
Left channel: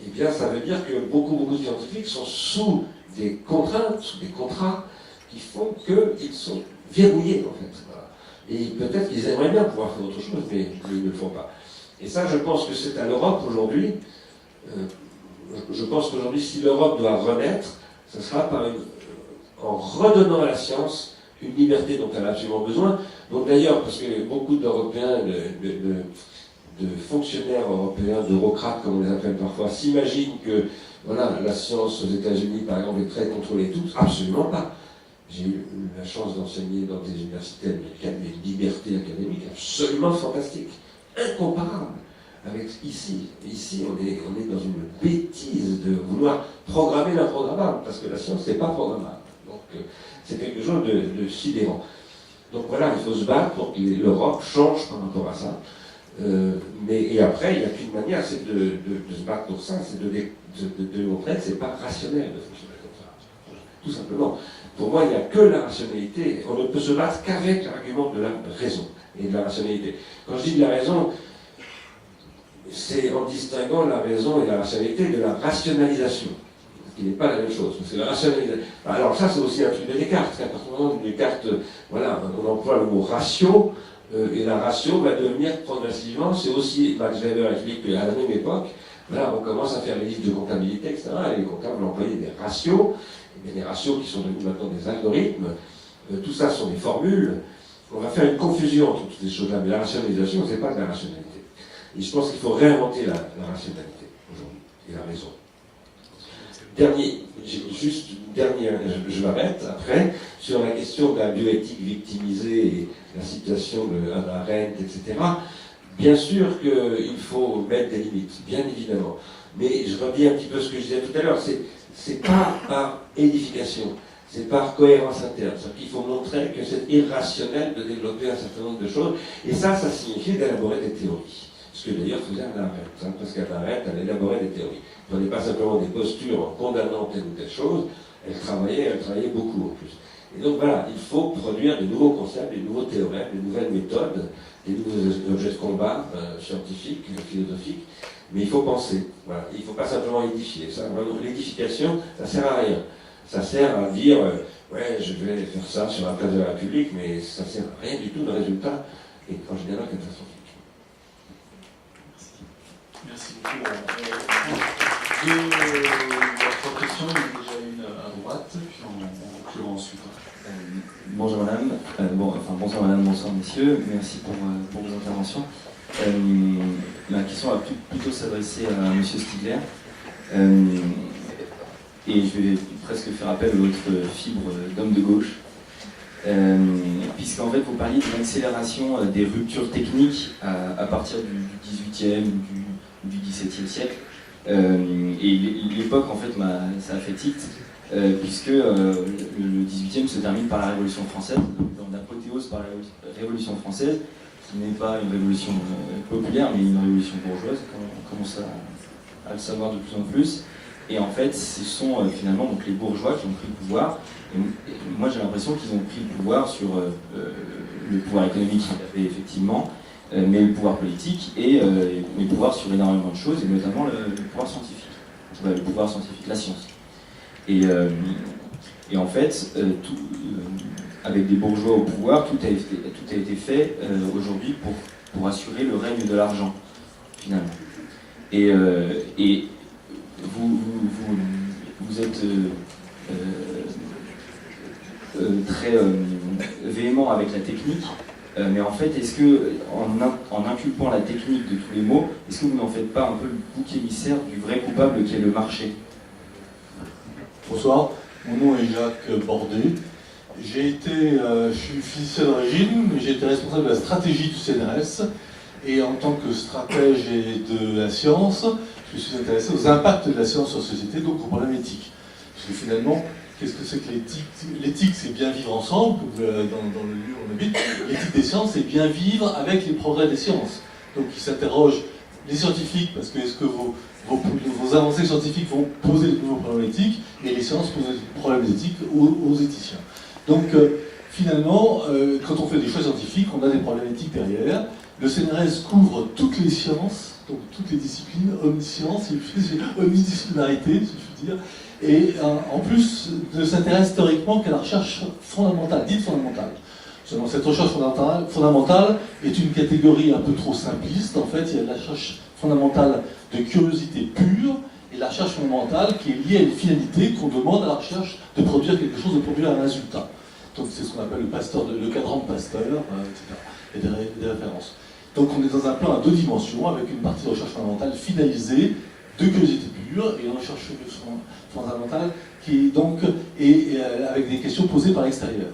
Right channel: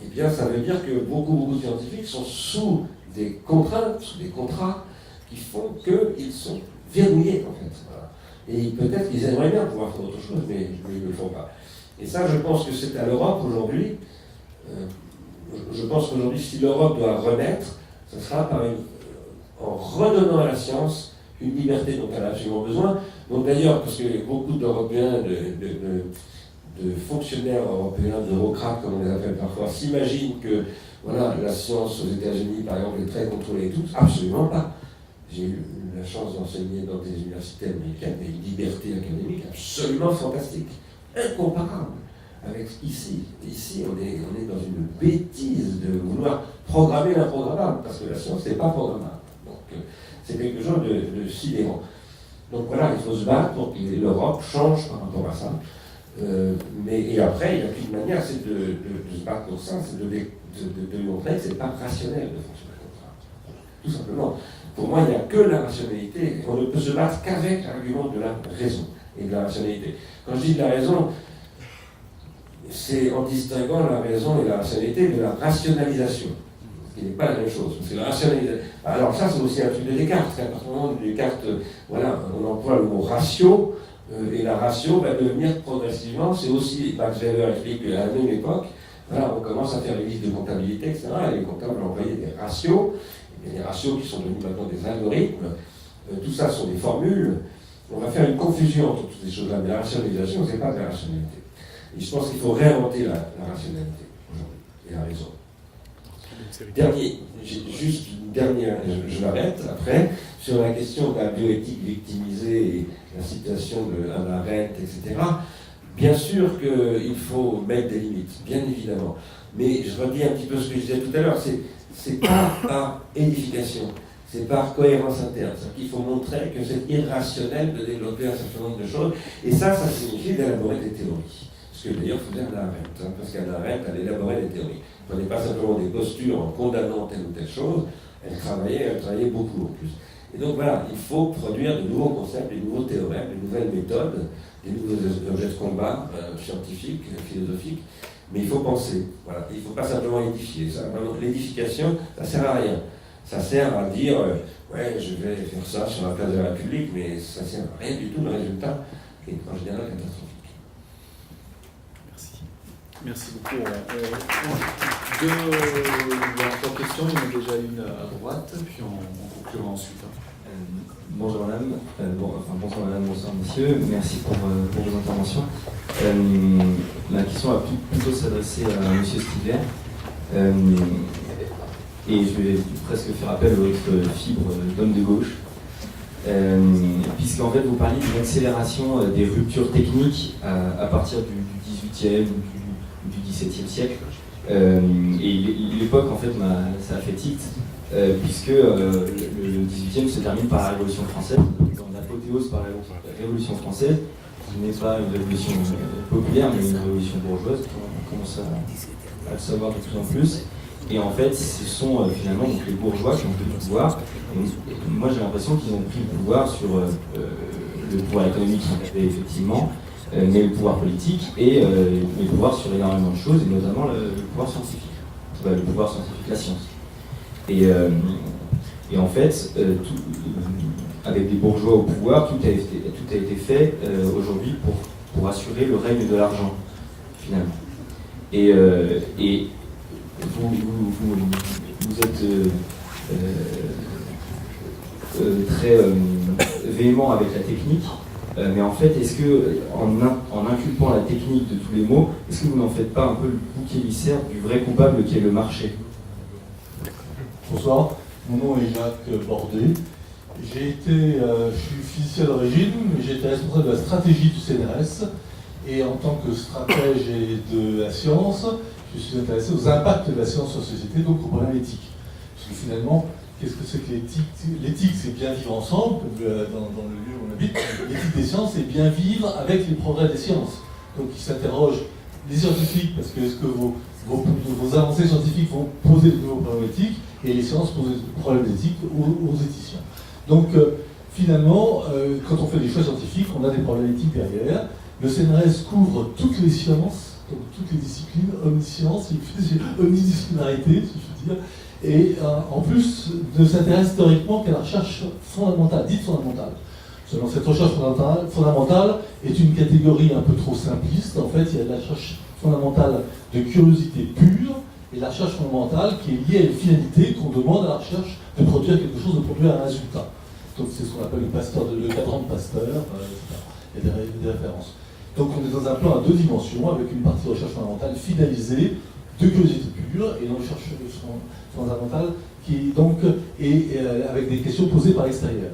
Eh bien, ça veut dire que beaucoup de scientifiques sont sous des contraintes, sous des contrats qui font qu'ils sont verrouillés, en fait. Voilà. Et peut-être qu'ils aimeraient bien pouvoir faire autre chose, mais ils ne le font pas. Et ça, je pense que c'est à l'Europe aujourd'hui. Je pense qu'aujourd'hui, si l'Europe doit renaître, ce sera en redonnant à la science une liberté dont elle a absolument besoin. Donc d'ailleurs, parce que beaucoup d'Européens, de fonctionnaires européens, d'eurocrates, comme on les appelle parfois, s'imaginent que voilà, la science aux États-Unis, par exemple, est très contrôlée tous. Absolument pas. J'ai eu la chance d'enseigner dans des universités américaines, et une liberté académique absolument fantastique, incomparable avec ici. Ici, on est dans une bêtise de vouloir programmer l'improgrammable, parce que la science n'est pas programmable. Donc, c'est quelque chose de sidérant. Donc voilà, il faut se battre pour que l'Europe change par rapport à ça. Et après, il n'y a qu'une manière, c'est de se battre pour ça, c'est de montrer que ce n'est pas rationnel de fonctionner comme ça. Tout simplement. Pour moi, il n'y a que la rationalité. On ne peut se battre qu'avec l'argument de la raison et de la rationalité. Quand je dis de la raison, c'est en distinguant la raison et la rationalité de la rationalisation. Ce qui n'est pas la même chose. C'est la rationalisation. Alors ça, c'est aussi un truc de Descartes. À partir du moment où Descartes, voilà, on emploie le mot ratio, et la ratio va devenir progressivement, c'est aussi, Max Weber explique qu'à la même époque, voilà, on commence à faire les listes de comptabilité, etc. Et les comptables employaient des ratios, et des ratios qui sont devenus maintenant des algorithmes. Tout ça sont des formules. On va faire une confusion entre toutes ces choses-là, mais la rationalisation, ce n'est pas de la rationalité. Et je pense qu'il faut réinventer la rationalité aujourd'hui, et la raison. Je m'arrête après, sur la question de la bioéthique victimisée et la citation de Hannah Arendt, etc. Bien sûr qu'il faut mettre des limites, bien évidemment. Mais je redis un petit peu ce que je disais tout à l'heure, c'est pas par édification, c'est par cohérence interne. C'est-à-dire qu'il faut montrer que c'est irrationnel de développer un certain nombre de choses, et ça signifie d'élaborer des théories. Ce que d'ailleurs faisait Hannah Arendt, parce qu'Hannah Arendt, elle élaborait des théories. Elle ne prenait pas simplement des postures en condamnant telle ou telle chose, elle travaillait beaucoup en plus. Et donc voilà, il faut produire de nouveaux concepts, de nouveaux théorèmes, de nouvelles méthodes, des nouveaux objets de combat scientifiques, philosophiques, mais il faut penser. Voilà. Il ne faut pas simplement édifier. L'édification, ça ne sert à rien. Ça sert à dire, ouais, je vais faire ça sur la place de la République, mais ça ne sert à rien du tout, le résultat est en général catastrophique. Merci beaucoup. Trois questions, il y en a déjà une à droite, puis on conclura ensuite. Bonjour madame, bonsoir madame, bonsoir messieurs, merci pour vos interventions. Ma question va plutôt s'adresser à monsieur Stigler. Et je vais presque faire appel à votre fibre d'homme de gauche. Puisqu'en fait vous parliez d'une accélération des ruptures techniques à partir du 18e, du 17e siècle. Et l'époque, en fait, ça a fait titre, puisque le 18e se termine par la Révolution française, l'apothéose par la Révolution française, qui n'est pas une révolution populaire, mais une révolution bourgeoise, on commence à le savoir de plus en plus. Et en fait, ce sont finalement donc, les bourgeois qui ont pris le pouvoir. Et moi, j'ai l'impression qu'ils ont pris le pouvoir sur le pouvoir économique qu'ils avaient effectivement, mais le pouvoir politique et le pouvoir sur énormément de choses, et notamment le pouvoir scientifique. Le pouvoir scientifique, la science. Et en fait, avec des bourgeois au pouvoir, tout a été fait aujourd'hui pour assurer le règne de l'argent, finalement. Et vous êtes très véhément avec la technique, mais en fait, est-ce que, en inculpant la technique de tous les mots, est-ce que vous n'en faites pas un peu le bouc émissaire du vrai coupable qui est le marché? Bonsoir, mon nom est Jacques Bordet. Je suis physicien d'origine, mais j'ai été responsable de la stratégie du CNRS. Et en tant que stratège de la science, je suis intéressé aux impacts de la science sur la société, donc aux problèmes éthiques. Parce que finalement, qu'est-ce que c'est que l'éthique? L'éthique, c'est bien vivre ensemble, dans le lieu où on habite. L'éthique des sciences, c'est bien vivre avec les progrès des sciences. Donc ils s'interrogent, les scientifiques, parce que est-ce que vos avancées scientifiques vont poser de nouveaux problèmes éthiques, et les sciences posent des problèmes éthiques aux éthiciens. Donc finalement, quand on fait des choix scientifiques, on a des problèmes éthiques derrière. Le CNRS couvre toutes les sciences, donc toutes les disciplines, omniscience, omnidisciplinarité, si je puis dire, et en plus ne s'intéresse théoriquement qu'à la recherche fondamentale, dite fondamentale. Seulement, cette recherche fondamentale est une catégorie un peu trop simpliste. En fait, il y a de la recherche fondamentale de curiosité pure et la recherche fondamentale qui est liée à une finalité qu'on demande à la recherche de produire quelque chose, de produire un résultat. Donc c'est ce qu'on appelle le cadran de Pasteur, etc. Et des références. Donc on est dans un plan à deux dimensions, avec une partie de recherche fondamentale finalisée, de curiosité pure, et une recherche fondamentale qui donc est avec des questions posées par l'extérieur.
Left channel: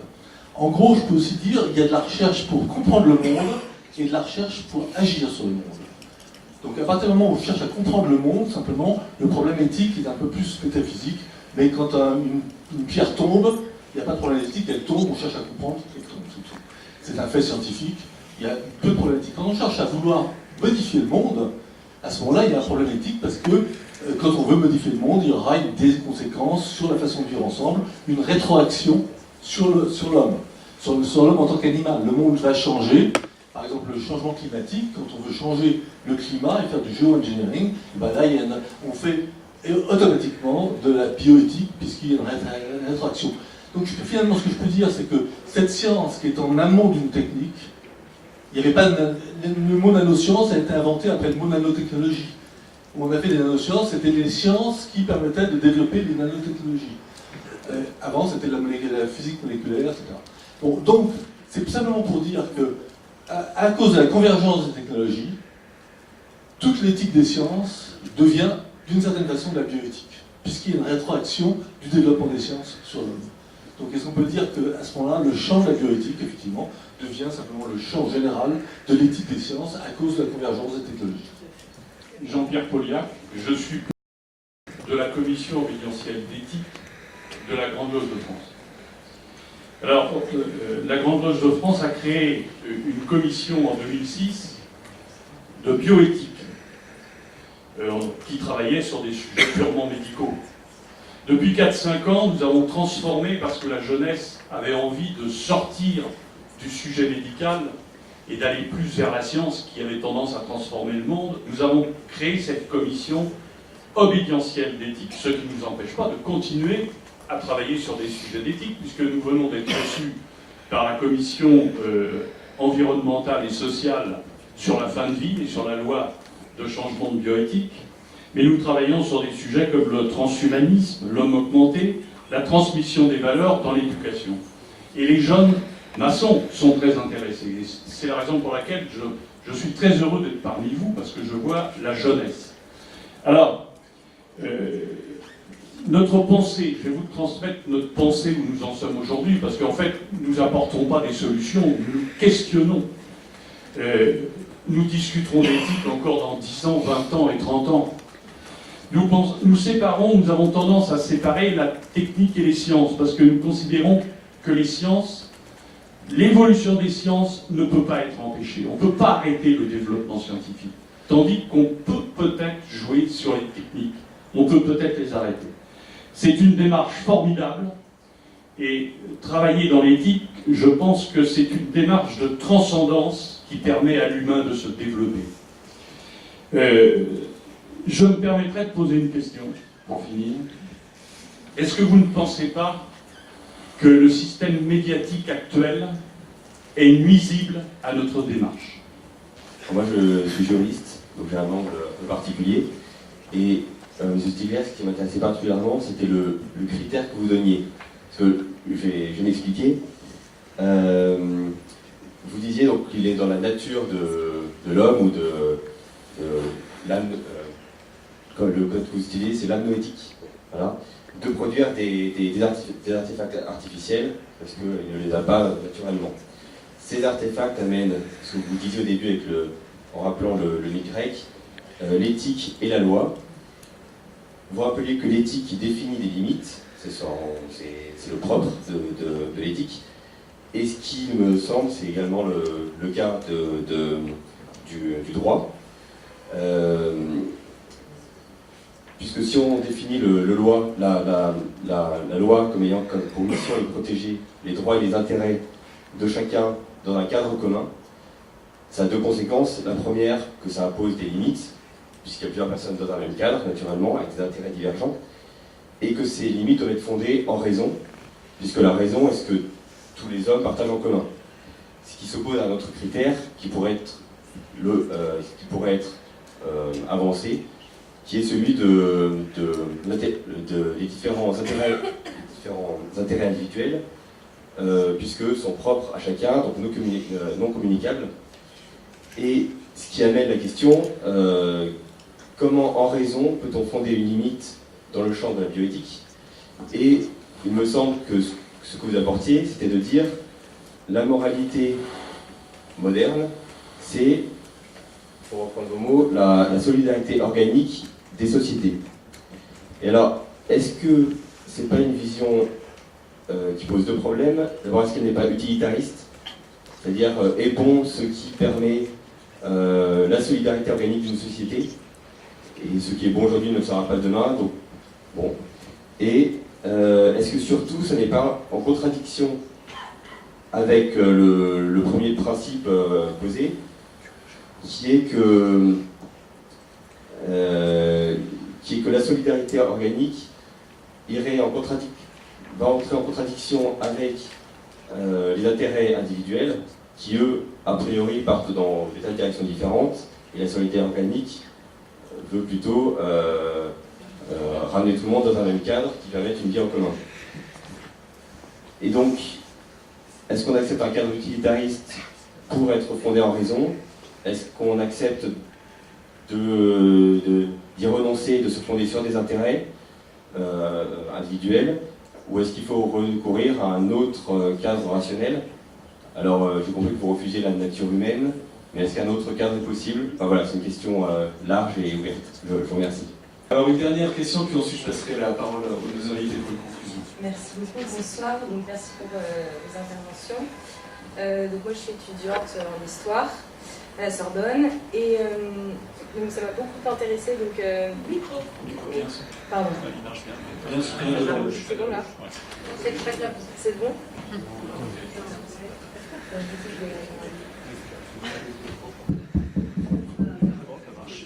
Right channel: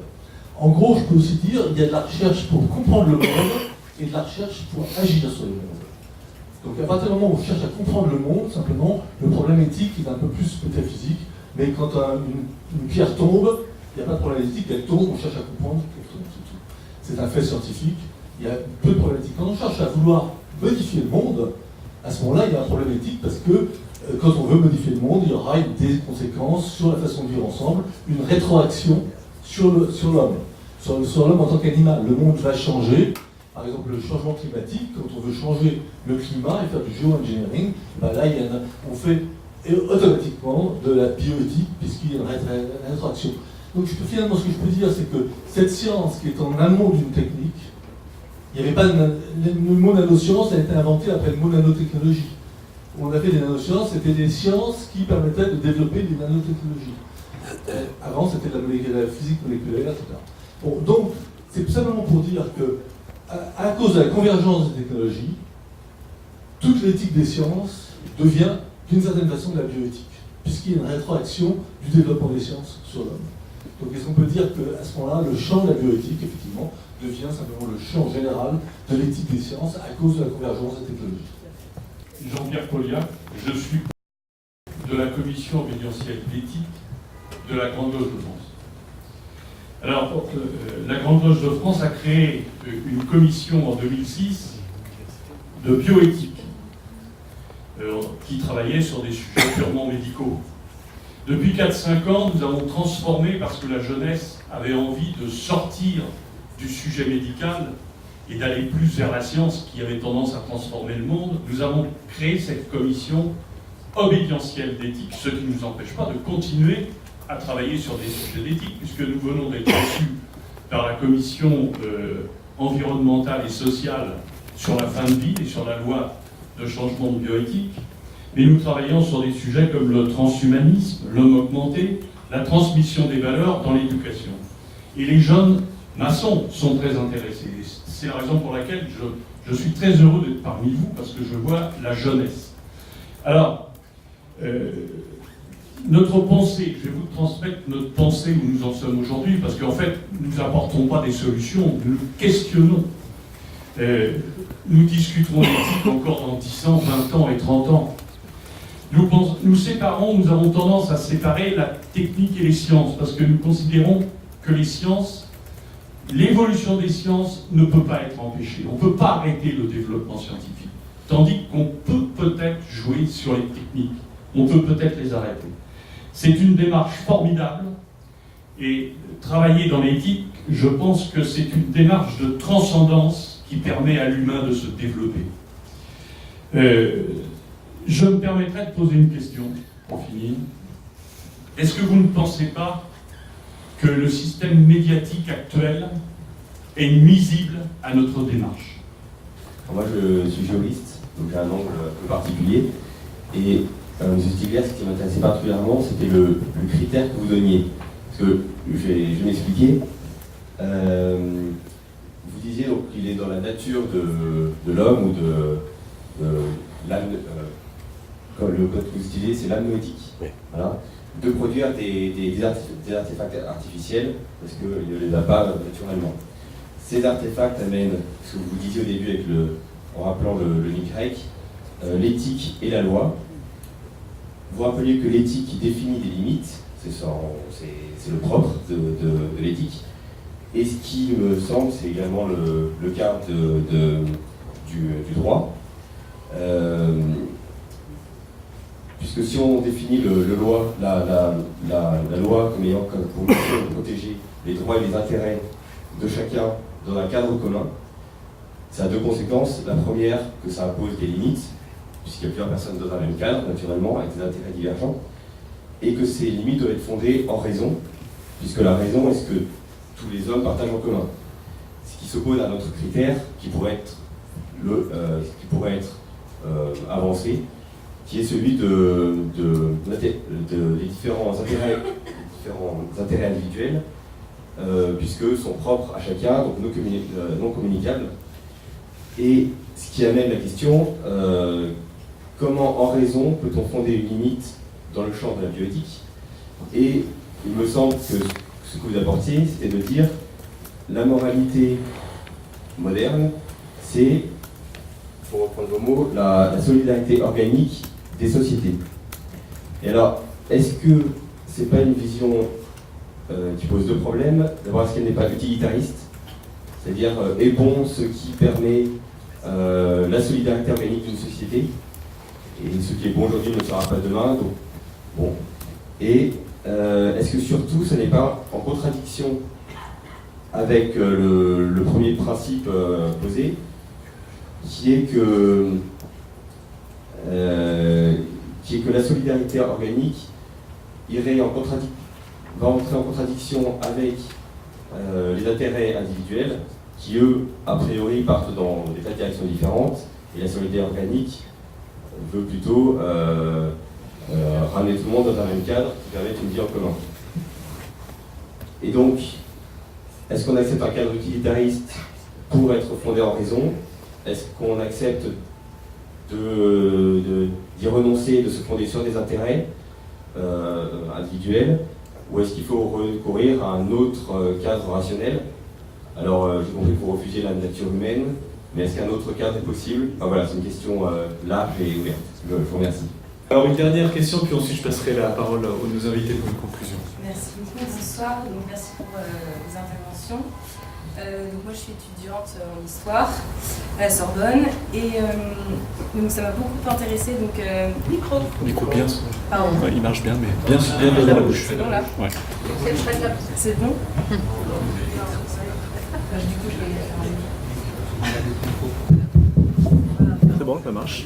En gros, je peux aussi dire qu'il y a de la recherche pour comprendre le monde et de la recherche pour agir sur le monde. Donc à partir du moment où on cherche à comprendre le monde, simplement, le problème éthique est un peu plus métaphysique, mais quand une pierre tombe, il n'y a pas de problème éthique, elle tombe, on cherche à comprendre, c'est un fait scientifique, il y a peu de problématique. Quand on cherche à vouloir modifier le monde, à ce moment-là, il y a un problème éthique parce que quand on veut modifier le monde, il y aura des conséquences sur la façon de vivre ensemble, une rétroaction sur l'homme, sur l'homme en tant qu'animal. Le monde va changer. Par exemple, le changement climatique, quand on veut changer le climat et faire du géo-engineering, ben là, on fait automatiquement de la bioéthique, puisqu'il y a une rétroaction. Donc finalement, ce que je peux dire, c'est que cette science qui est en amont d'une technique, il n'y avait pas le mot nanoscience a été inventé après le mot nanotechnologie. Où on a fait des nanosciences, c'était des sciences qui permettaient de développer des nanotechnologies. Avant, c'était la physique moléculaire, etc. Bon, donc, c'est simplement pour dire que, à cause de la convergence des technologies, toute l'éthique des sciences devient, d'une certaine façon, de la bioéthique, puisqu'il y a une rétroaction du développement des sciences sur l'homme. Donc, est-ce qu'on peut dire qu'à ce moment-là, le champ de la bioéthique, effectivement, devient simplement le champ général de l'éthique des sciences à cause de la convergence des technologies? Jean-Pierre Pauliac, je suis de la commission obédientielle d'éthique de la Grande Loge de France. Alors, la Grande Loge de France a créé une commission en 2006 de bioéthique qui travaillait sur des sujets purement médicaux. Depuis 4-5 ans, nous avons transformé, parce que la jeunesse avait envie de sortir du sujet médical et d'aller plus vers la science qui avait tendance à transformer le monde, nous avons créé cette commission obédientielle d'éthique, ce qui ne nous empêche pas de continuer à travailler sur des sujets d'éthique, puisque nous venons d'être reçus par la commission environnementale et sociale sur la fin de vie et sur la loi de changement de bioéthique, mais nous travaillons sur des sujets comme le transhumanisme, l'homme augmenté, la transmission des valeurs dans l'éducation. Et les jeunes maçons sont très intéressés. C'est la raison pour laquelle je suis très heureux d'être parmi vous, parce que je vois la jeunesse. Alors, notre pensée, je vais vous transmettre notre pensée où nous en sommes aujourd'hui, parce qu'en fait, nous n'apportons pas des solutions, nous questionnons. Nous discuterons d'éthique encore dans 10 ans, 20 ans et 30 ans. Nous séparons, nous avons tendance à séparer la technique et les sciences, parce que nous considérons que les sciences, l'évolution des sciences ne peut pas être empêchée. On ne peut pas arrêter le développement scientifique. Tandis qu'on peut peut-être jouer sur les techniques. On peut peut-être les arrêter. C'est une démarche formidable. Et travailler dans l'éthique, je pense que c'est une démarche de transcendance qui permet à l'humain de se développer. Je me permettrai de poser une question, pour finir. Est-ce que vous ne pensez pas que le système médiatique actuel est nuisible à notre démarche? Moi, je suis géoliste, donc j'ai un angle un peu particulier. Et M. Stigler, ce qui m'intéressait particulièrement, c'était le critère que vous donniez. Parce que je vais m'expliquer. Vous disiez donc qu'il est dans la nature de l'homme ou de l'âme. Comme le code que vous utilisez, c'est l'âme noétique. Voilà. De produire des artefacts artificiels, parce qu'il ne les a pas naturellement. Ces artefacts amènent, ce que vous disiez au début en rappelant le mythe grec, l'éthique et la loi. Vous rappeliez que l'éthique qui définit des limites, c'est le propre de l'éthique. Et ce qui me semble, c'est également le cas du droit. Puisque si on définit la loi comme ayant pour mission de protéger les droits et les intérêts de chacun dans un cadre commun, ça a deux conséquences. La première, que ça impose des limites, puisqu'il y a plusieurs personnes dans un même cadre, naturellement, avec des intérêts divergents, et que ces limites doivent être fondées en raison, puisque la raison est ce que tous les hommes partagent en commun. Ce qui s'oppose à un autre critère qui pourrait être avancé, qui est celui des différents intérêts individuels, puisque sont propres à chacun, donc non communicables. Et ce qui amène la question, comment en raison peut-on fonder une limite dans le champ de la bioéthique? Et il me semble que ce que vous apportiez, c'était de dire la moralité moderne, c'est pour reprendre vos mots, la solidarité organique des sociétés. Et alors, est-ce que c'est pas une vision qui pose deux problèmes? D'abord, est-ce qu'elle n'est pas utilitariste? C'est-à-dire, est bon ce qui permet la solidarité organique d'une société, et ce qui est bon aujourd'hui ne sera pas demain, donc bon. Et est-ce que surtout, ce n'est pas en contradiction avec le premier principe posé, qui est que la solidarité organique va entrer en contradiction avec les intérêts individuels, qui eux, a priori, partent dans des tas de directions différentes, et la solidarité organique veut plutôt ramener tout le monde dans un même cadre qui permette une vie en commun. Et donc, est-ce qu'on accepte un cadre utilitariste pour être fondé en raison? Est-ce qu'on accepte d'y renoncer, de se fonder sur des intérêts individuels? Ou est-ce qu'il faut recourir à un autre cadre rationnel? Alors, j'ai compris qu'il faut refuser la nature humaine, mais est-ce qu'un autre cadre est possible? Enfin, voilà, c'est une question large et ouverte. Je vous remercie. Alors, une dernière question, puis ensuite je passerai la parole aux deux invités pour une conclusion. Merci beaucoup, bonsoir, donc merci pour vos interventions. Donc moi je suis étudiante en histoire à la Sorbonne et donc ça m'a beaucoup intéressée. Donc Micro bien, pardon. Ouais, il marche bien, mais bien dans la bouche. Voilà. Ouais. C'est bon. C'est bon, ça marche.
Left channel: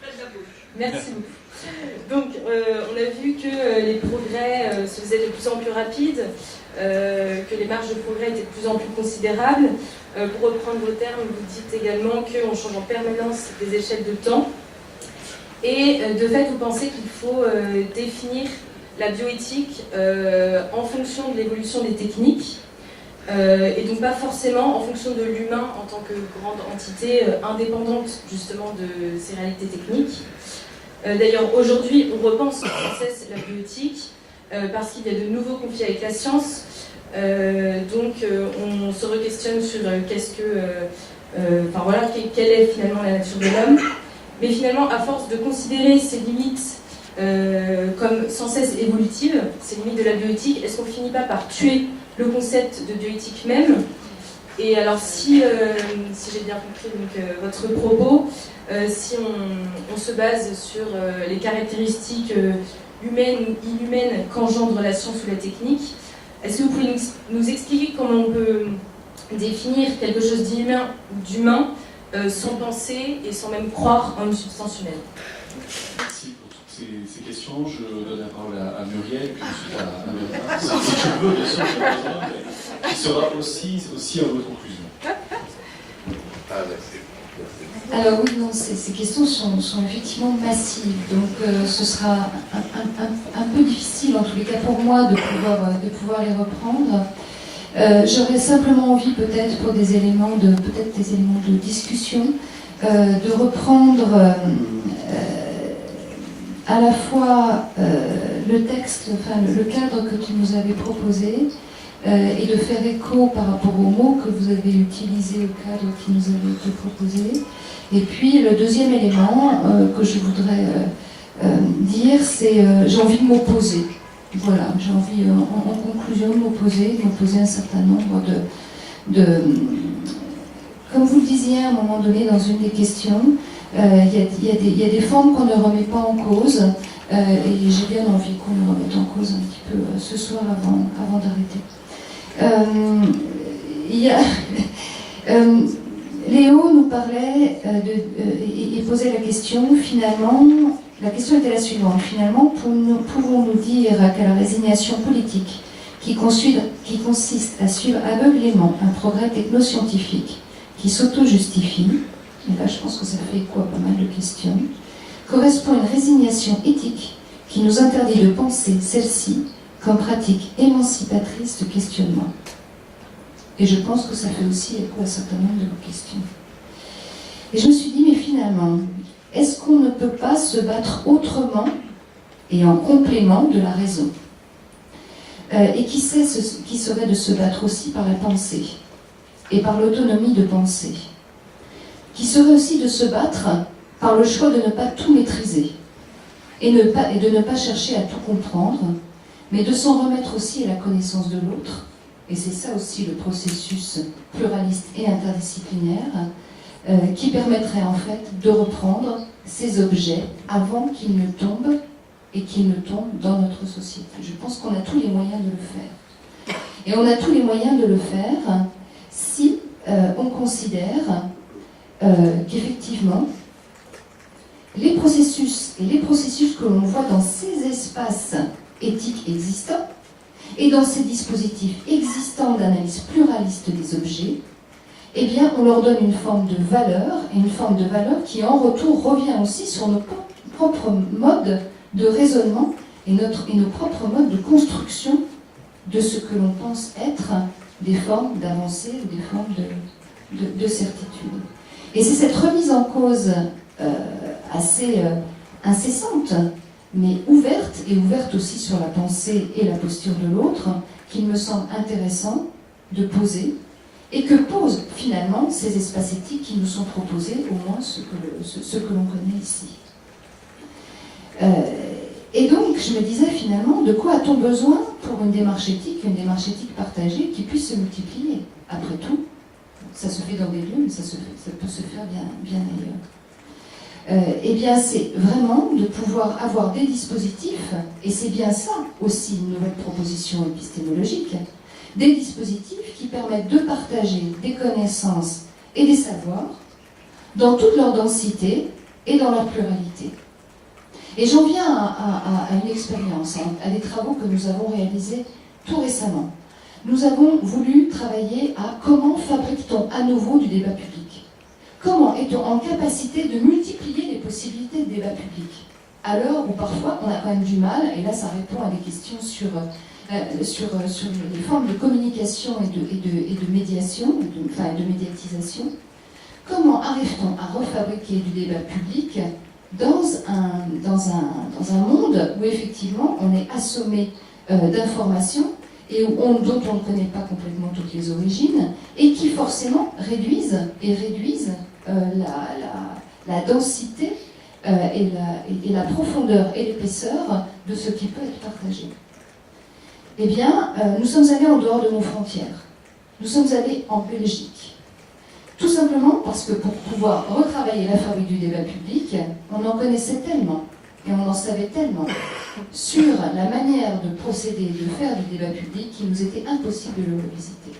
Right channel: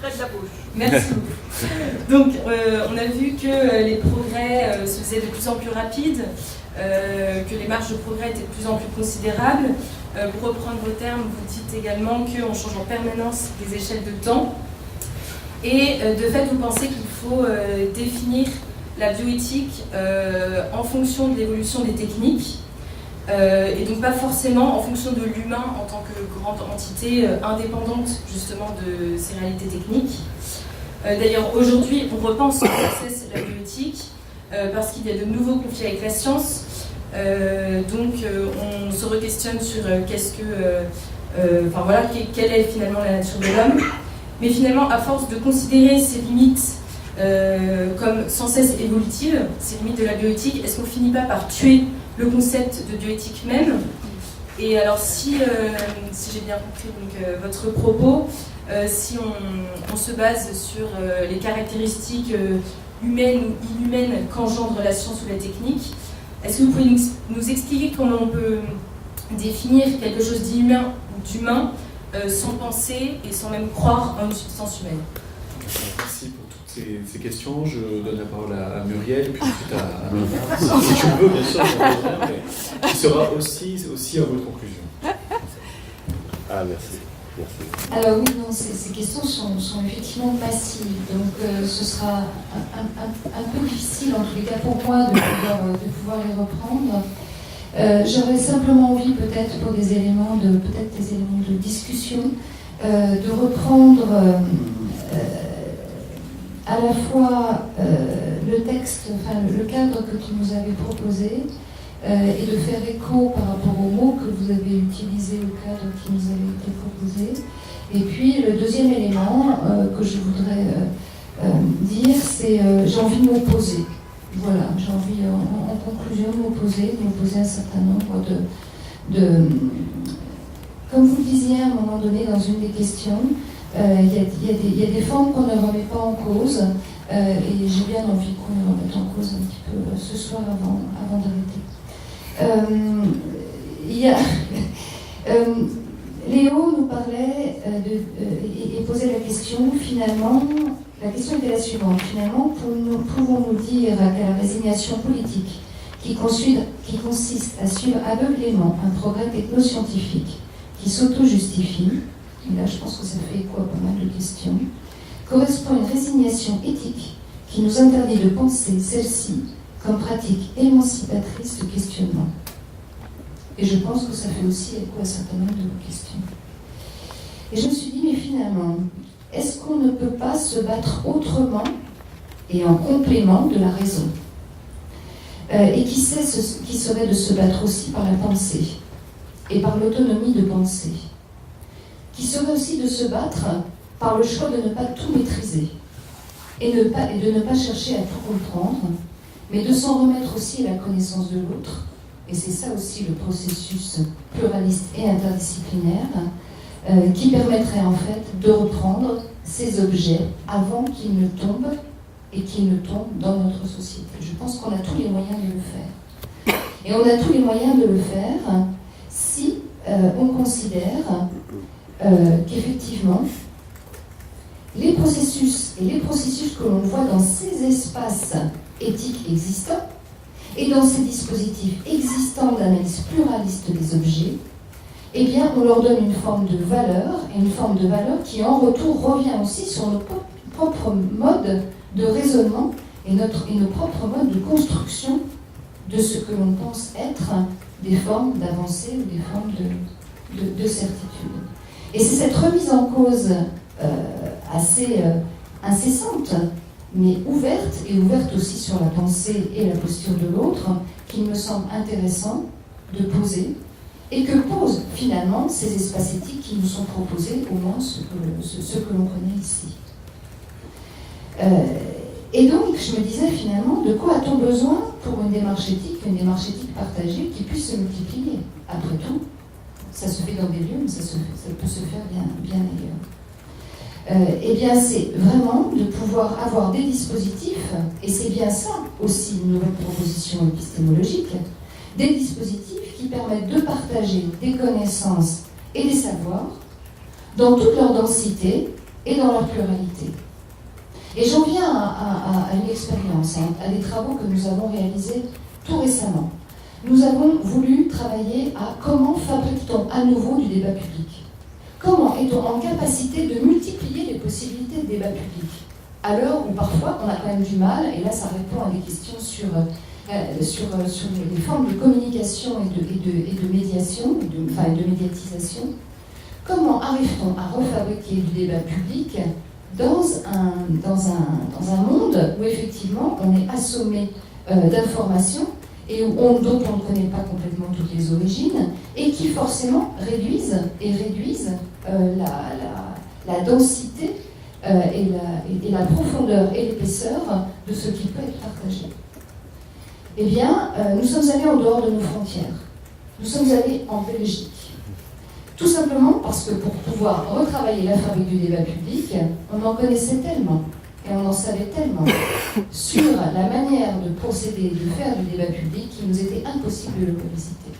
Près de la bouche. Merci beaucoup. Donc on a vu que les progrès se faisaient de plus en plus rapides. Que les marges de progrès étaient de plus en plus considérables. Pour reprendre vos termes, vous dites également qu'on change en permanence les échelles de temps. Et de fait, vous pensez qu'il faut définir la bioéthique en fonction de l'évolution des techniques, et donc pas forcément en fonction de l'humain en tant que grande entité indépendante justement de ces réalités techniques. D'ailleurs, aujourd'hui, on repense sans cesse la bioéthique, parce qu'il y a de nouveaux conflits avec la science. Donc on se re-questionne sur quelle est finalement la nature de l'homme. Mais finalement, à force de considérer ces limites comme sans cesse évolutives, ces limites de la bioéthique, est-ce qu'on finit pas par tuer le concept de bioéthique même? Et alors si j'ai bien compris donc, votre propos, si on se base sur les caractéristiques humaine ou inhumaine qu'engendre la science ou la technique, est-ce que vous pouvez nous expliquer comment on peut définir quelque chose d'inhumain ou d'humain sans penser et sans même croire en une substance humaine? Merci pour toutes ces questions. Je donne la parole à Muriel, puis ensuite à si tu le veux, bien sûr, qui sera aussi à votre conclusion. Ah, merci. Alors oui, non, ces questions sont effectivement massives, donc ce sera un peu difficile en tous les cas pour moi de pouvoir les reprendre. J'aurais simplement envie peut-être pour des éléments de discussion de reprendre à la fois le texte, enfin le cadre que tu nous avais proposé, et de faire écho par rapport aux mots que vous avez utilisés au cadre qui nous avait été proposé. Et puis le deuxième élément que je voudrais dire, c'est j'ai envie de m'opposer. Voilà, j'ai envie en conclusion de m'opposer à un certain nombre de... Comme vous le disiez à un moment donné dans une des questions, il y a des formes qu'on ne remet pas en cause, et j'ai bien envie qu'on les remette en cause un petit peu ce soir avant d'arrêter. Léo nous parlait et posait la question, finalement, la question était la suivante, finalement, pouvons-nous dire qu'à la résignation politique qui consiste à suivre aveuglément un progrès technoscientifique qui s'auto-justifie, et là je pense que ça fait écho à pas mal de questions, correspond une résignation éthique qui nous interdit de penser celle-ci comme pratique émancipatrice de questionnement. Et je pense que ça fait aussi écho à un certain nombre de vos questions. Et je me suis dit, mais finalement, est-ce qu'on ne peut pas se battre autrement et en complément de la raison? Et qui sait ce qui serait de se battre aussi par la pensée et par l'autonomie de pensée? qui serait aussi de se battre par le choix de ne pas tout maîtriser et de ne pas chercher à tout comprendre, mais de s'en remettre aussi à la connaissance de l'autre. Et c'est ça aussi le processus pluraliste et interdisciplinaire qui permettrait en fait de reprendre ces objets avant qu'ils ne tombent et qu'ils ne tombent dans notre société. Je pense qu'on a tous les moyens de le faire. Et on a tous les moyens de le faire si on considère qu'effectivement, les processus que l'on voit dans ces espaces éthiques existants et dans ces dispositifs existants d'analyse pluraliste des objets, eh bien, on leur donne une forme de valeur, et une forme de valeur qui, en retour, revient aussi sur nos propres modes de raisonnement et nos propres modes de construction de ce que l'on pense être des formes d'avancée ou des formes de certitude. Et c'est cette remise en cause assez incessante, mais ouverte, et ouverte aussi sur la pensée et la posture de l'autre, qu'il me semble intéressant de poser, et que posent finalement ces espaces éthiques qui nous sont proposés, au moins ce que l'on connaît ici. Et donc, je me disais finalement, de quoi a-t-on besoin pour une démarche éthique partagée qui puisse se multiplier? Après tout, ça se fait dans des lieux, mais ça peut se faire bien ailleurs. Eh bien, c'est vraiment de pouvoir avoir des dispositifs, et c'est bien ça aussi une nouvelle proposition épistémologique, des dispositifs qui permettent de partager des connaissances et des savoirs dans toute leur densité et dans leur pluralité. Et j'en viens à une expérience, à des travaux que nous avons réalisés tout récemment. Nous avons voulu travailler à comment fabrique-t-on à nouveau du débat public? Comment est-on en capacité de multiplier les possibilités de débat public à l'heure où parfois on a quand même du mal, et là ça répond à des questions sur les formes de communication et de médiation, de médiatisation. Comment arrive-t-on à refabriquer du débat public dans un monde où effectivement on est assommé d'informations et dont on ne connaît pas complètement toutes les origines, et qui forcément réduisent la densité et la profondeur et l'épaisseur de ce qui peut être partagé. Eh bien, nous sommes allés en dehors de nos frontières. Nous sommes allés en Belgique. Tout simplement parce que pour pouvoir retravailler la fabrique du débat public, on en connaissait tellement, et on en savait tellement sur la manière de procéder, de faire du débat public, qu'il nous était impossible de le revisiter.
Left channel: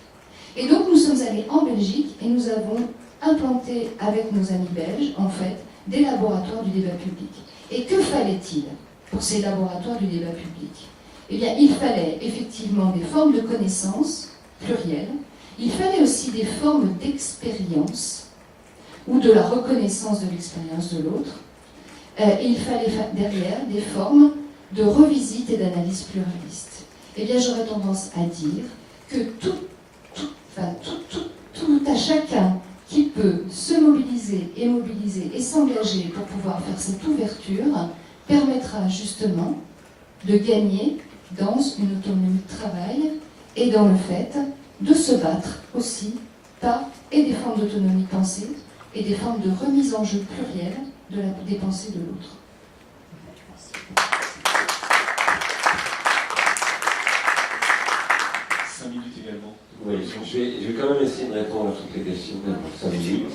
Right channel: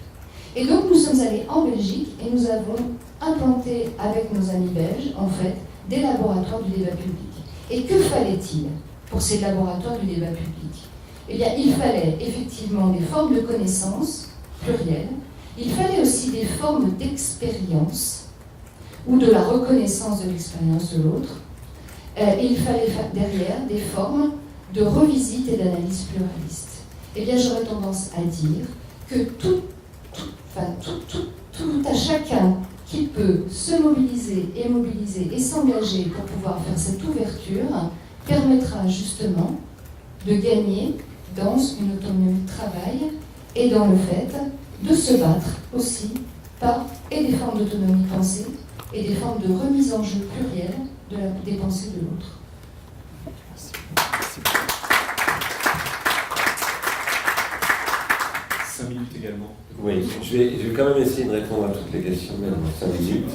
Et donc nous sommes allés en Belgique et nous avons implanté avec nos amis belges, en fait, des laboratoires du débat public. Et que fallait-il pour ces laboratoires du débat public? Eh bien, il fallait effectivement des formes de connaissances plurielles, il fallait aussi des formes d'expérience ou de la reconnaissance de l'expérience de l'autre. Il fallait derrière des formes de revisite et d'analyse pluraliste. Eh bien, j'aurais tendance à dire que tout à chacun qui peut se mobiliser et s'engager pour pouvoir faire cette ouverture permettra justement de gagner dans une autonomie de travail et dans le fait de se battre aussi par des formes d'autonomie de pensée et des formes de remise en jeu plurielle des pensées de l'autre. 5 minutes également. Oui, je vais quand même essayer de répondre à toutes les questions, même en 5 minutes,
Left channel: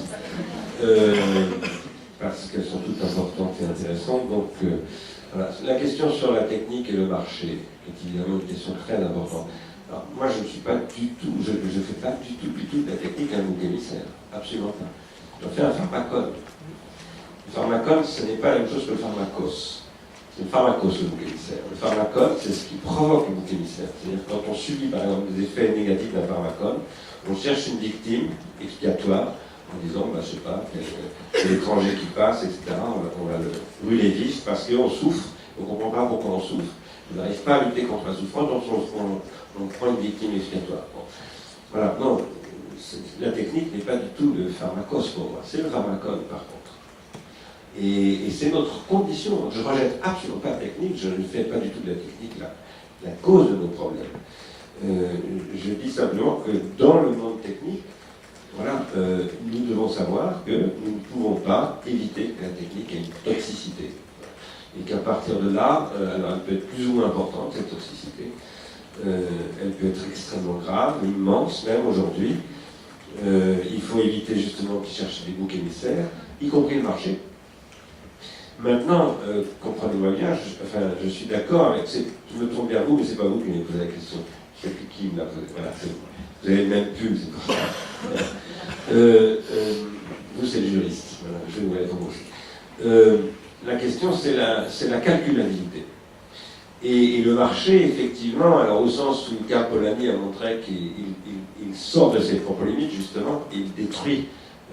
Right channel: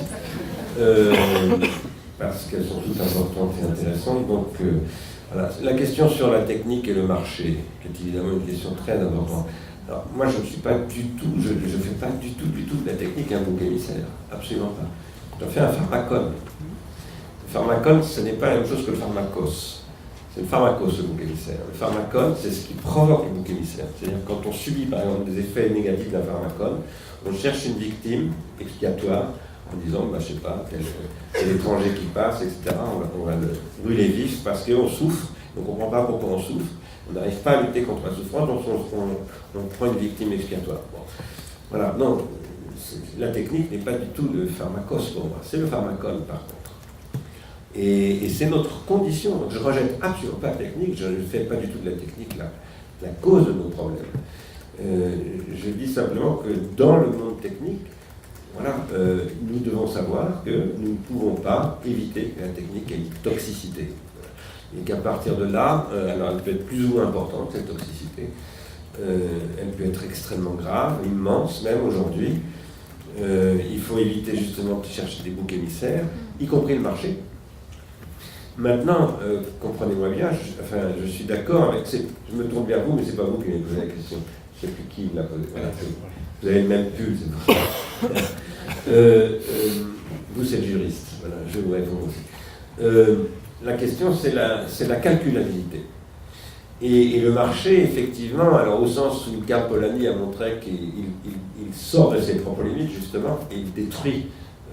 parce qu'elles sont toutes importantes et intéressantes. Donc, voilà. La question sur la technique et le marché, qui est évidemment une question très importante. Alors, moi, je ne suis pas du tout, je ne fais pas du tout de la technique un bouc émissaire, absolument pas. Je fais un pharmacone. Le pharmacone, ce n'est pas la même chose que le pharmacos. C'est le pharmacos, le bouc émissaire. Le pharmacone, c'est ce qui provoque le bouc émissaire. C'est-à-dire quand on subit, par exemple, des effets négatifs d'un pharmacone, on cherche une victime expiatoire en disant, je ne sais pas, quel étranger qui passe, etc. On va le brûler vif parce qu'on souffre, on ne comprend pas pourquoi on souffre. On n'arrive pas à lutter contre la souffrance, donc on prend une victime expiatoire. Bon. Voilà, non, la technique n'est pas du tout le pharmacos pour moi, c'est le pharmacone par contre. Et c'est notre condition. Donc je ne rejette absolument pas la technique, je ne fais pas du tout de la technique la cause de nos problèmes. Je dis simplement que dans le monde technique, voilà, nous devons savoir que nous ne pouvons pas éviter que la technique ait une toxicité. Et qu'à partir de là, alors elle peut être plus ou moins importante, cette toxicité. Elle peut être extrêmement grave, immense même aujourd'hui. Il faut éviter justement qu'ils cherchent des boucs émissaires, y compris le marché. Maintenant, comprenez-moi bien, je suis d'accord avec... Je me trompe vers vous, mais c'est pas vous qui m'avez posé la question. Je sais plus qui me l'a posé. Voilà, vous avez le même pull, c'est pour ça. Vous, c'est le juriste. Voilà, je vous réponds. La question, c'est la calculabilité. Et le marché, effectivement, alors au sens où Carl Polanyi a montré qu'il sort de ses propres limites, justement, et il détruit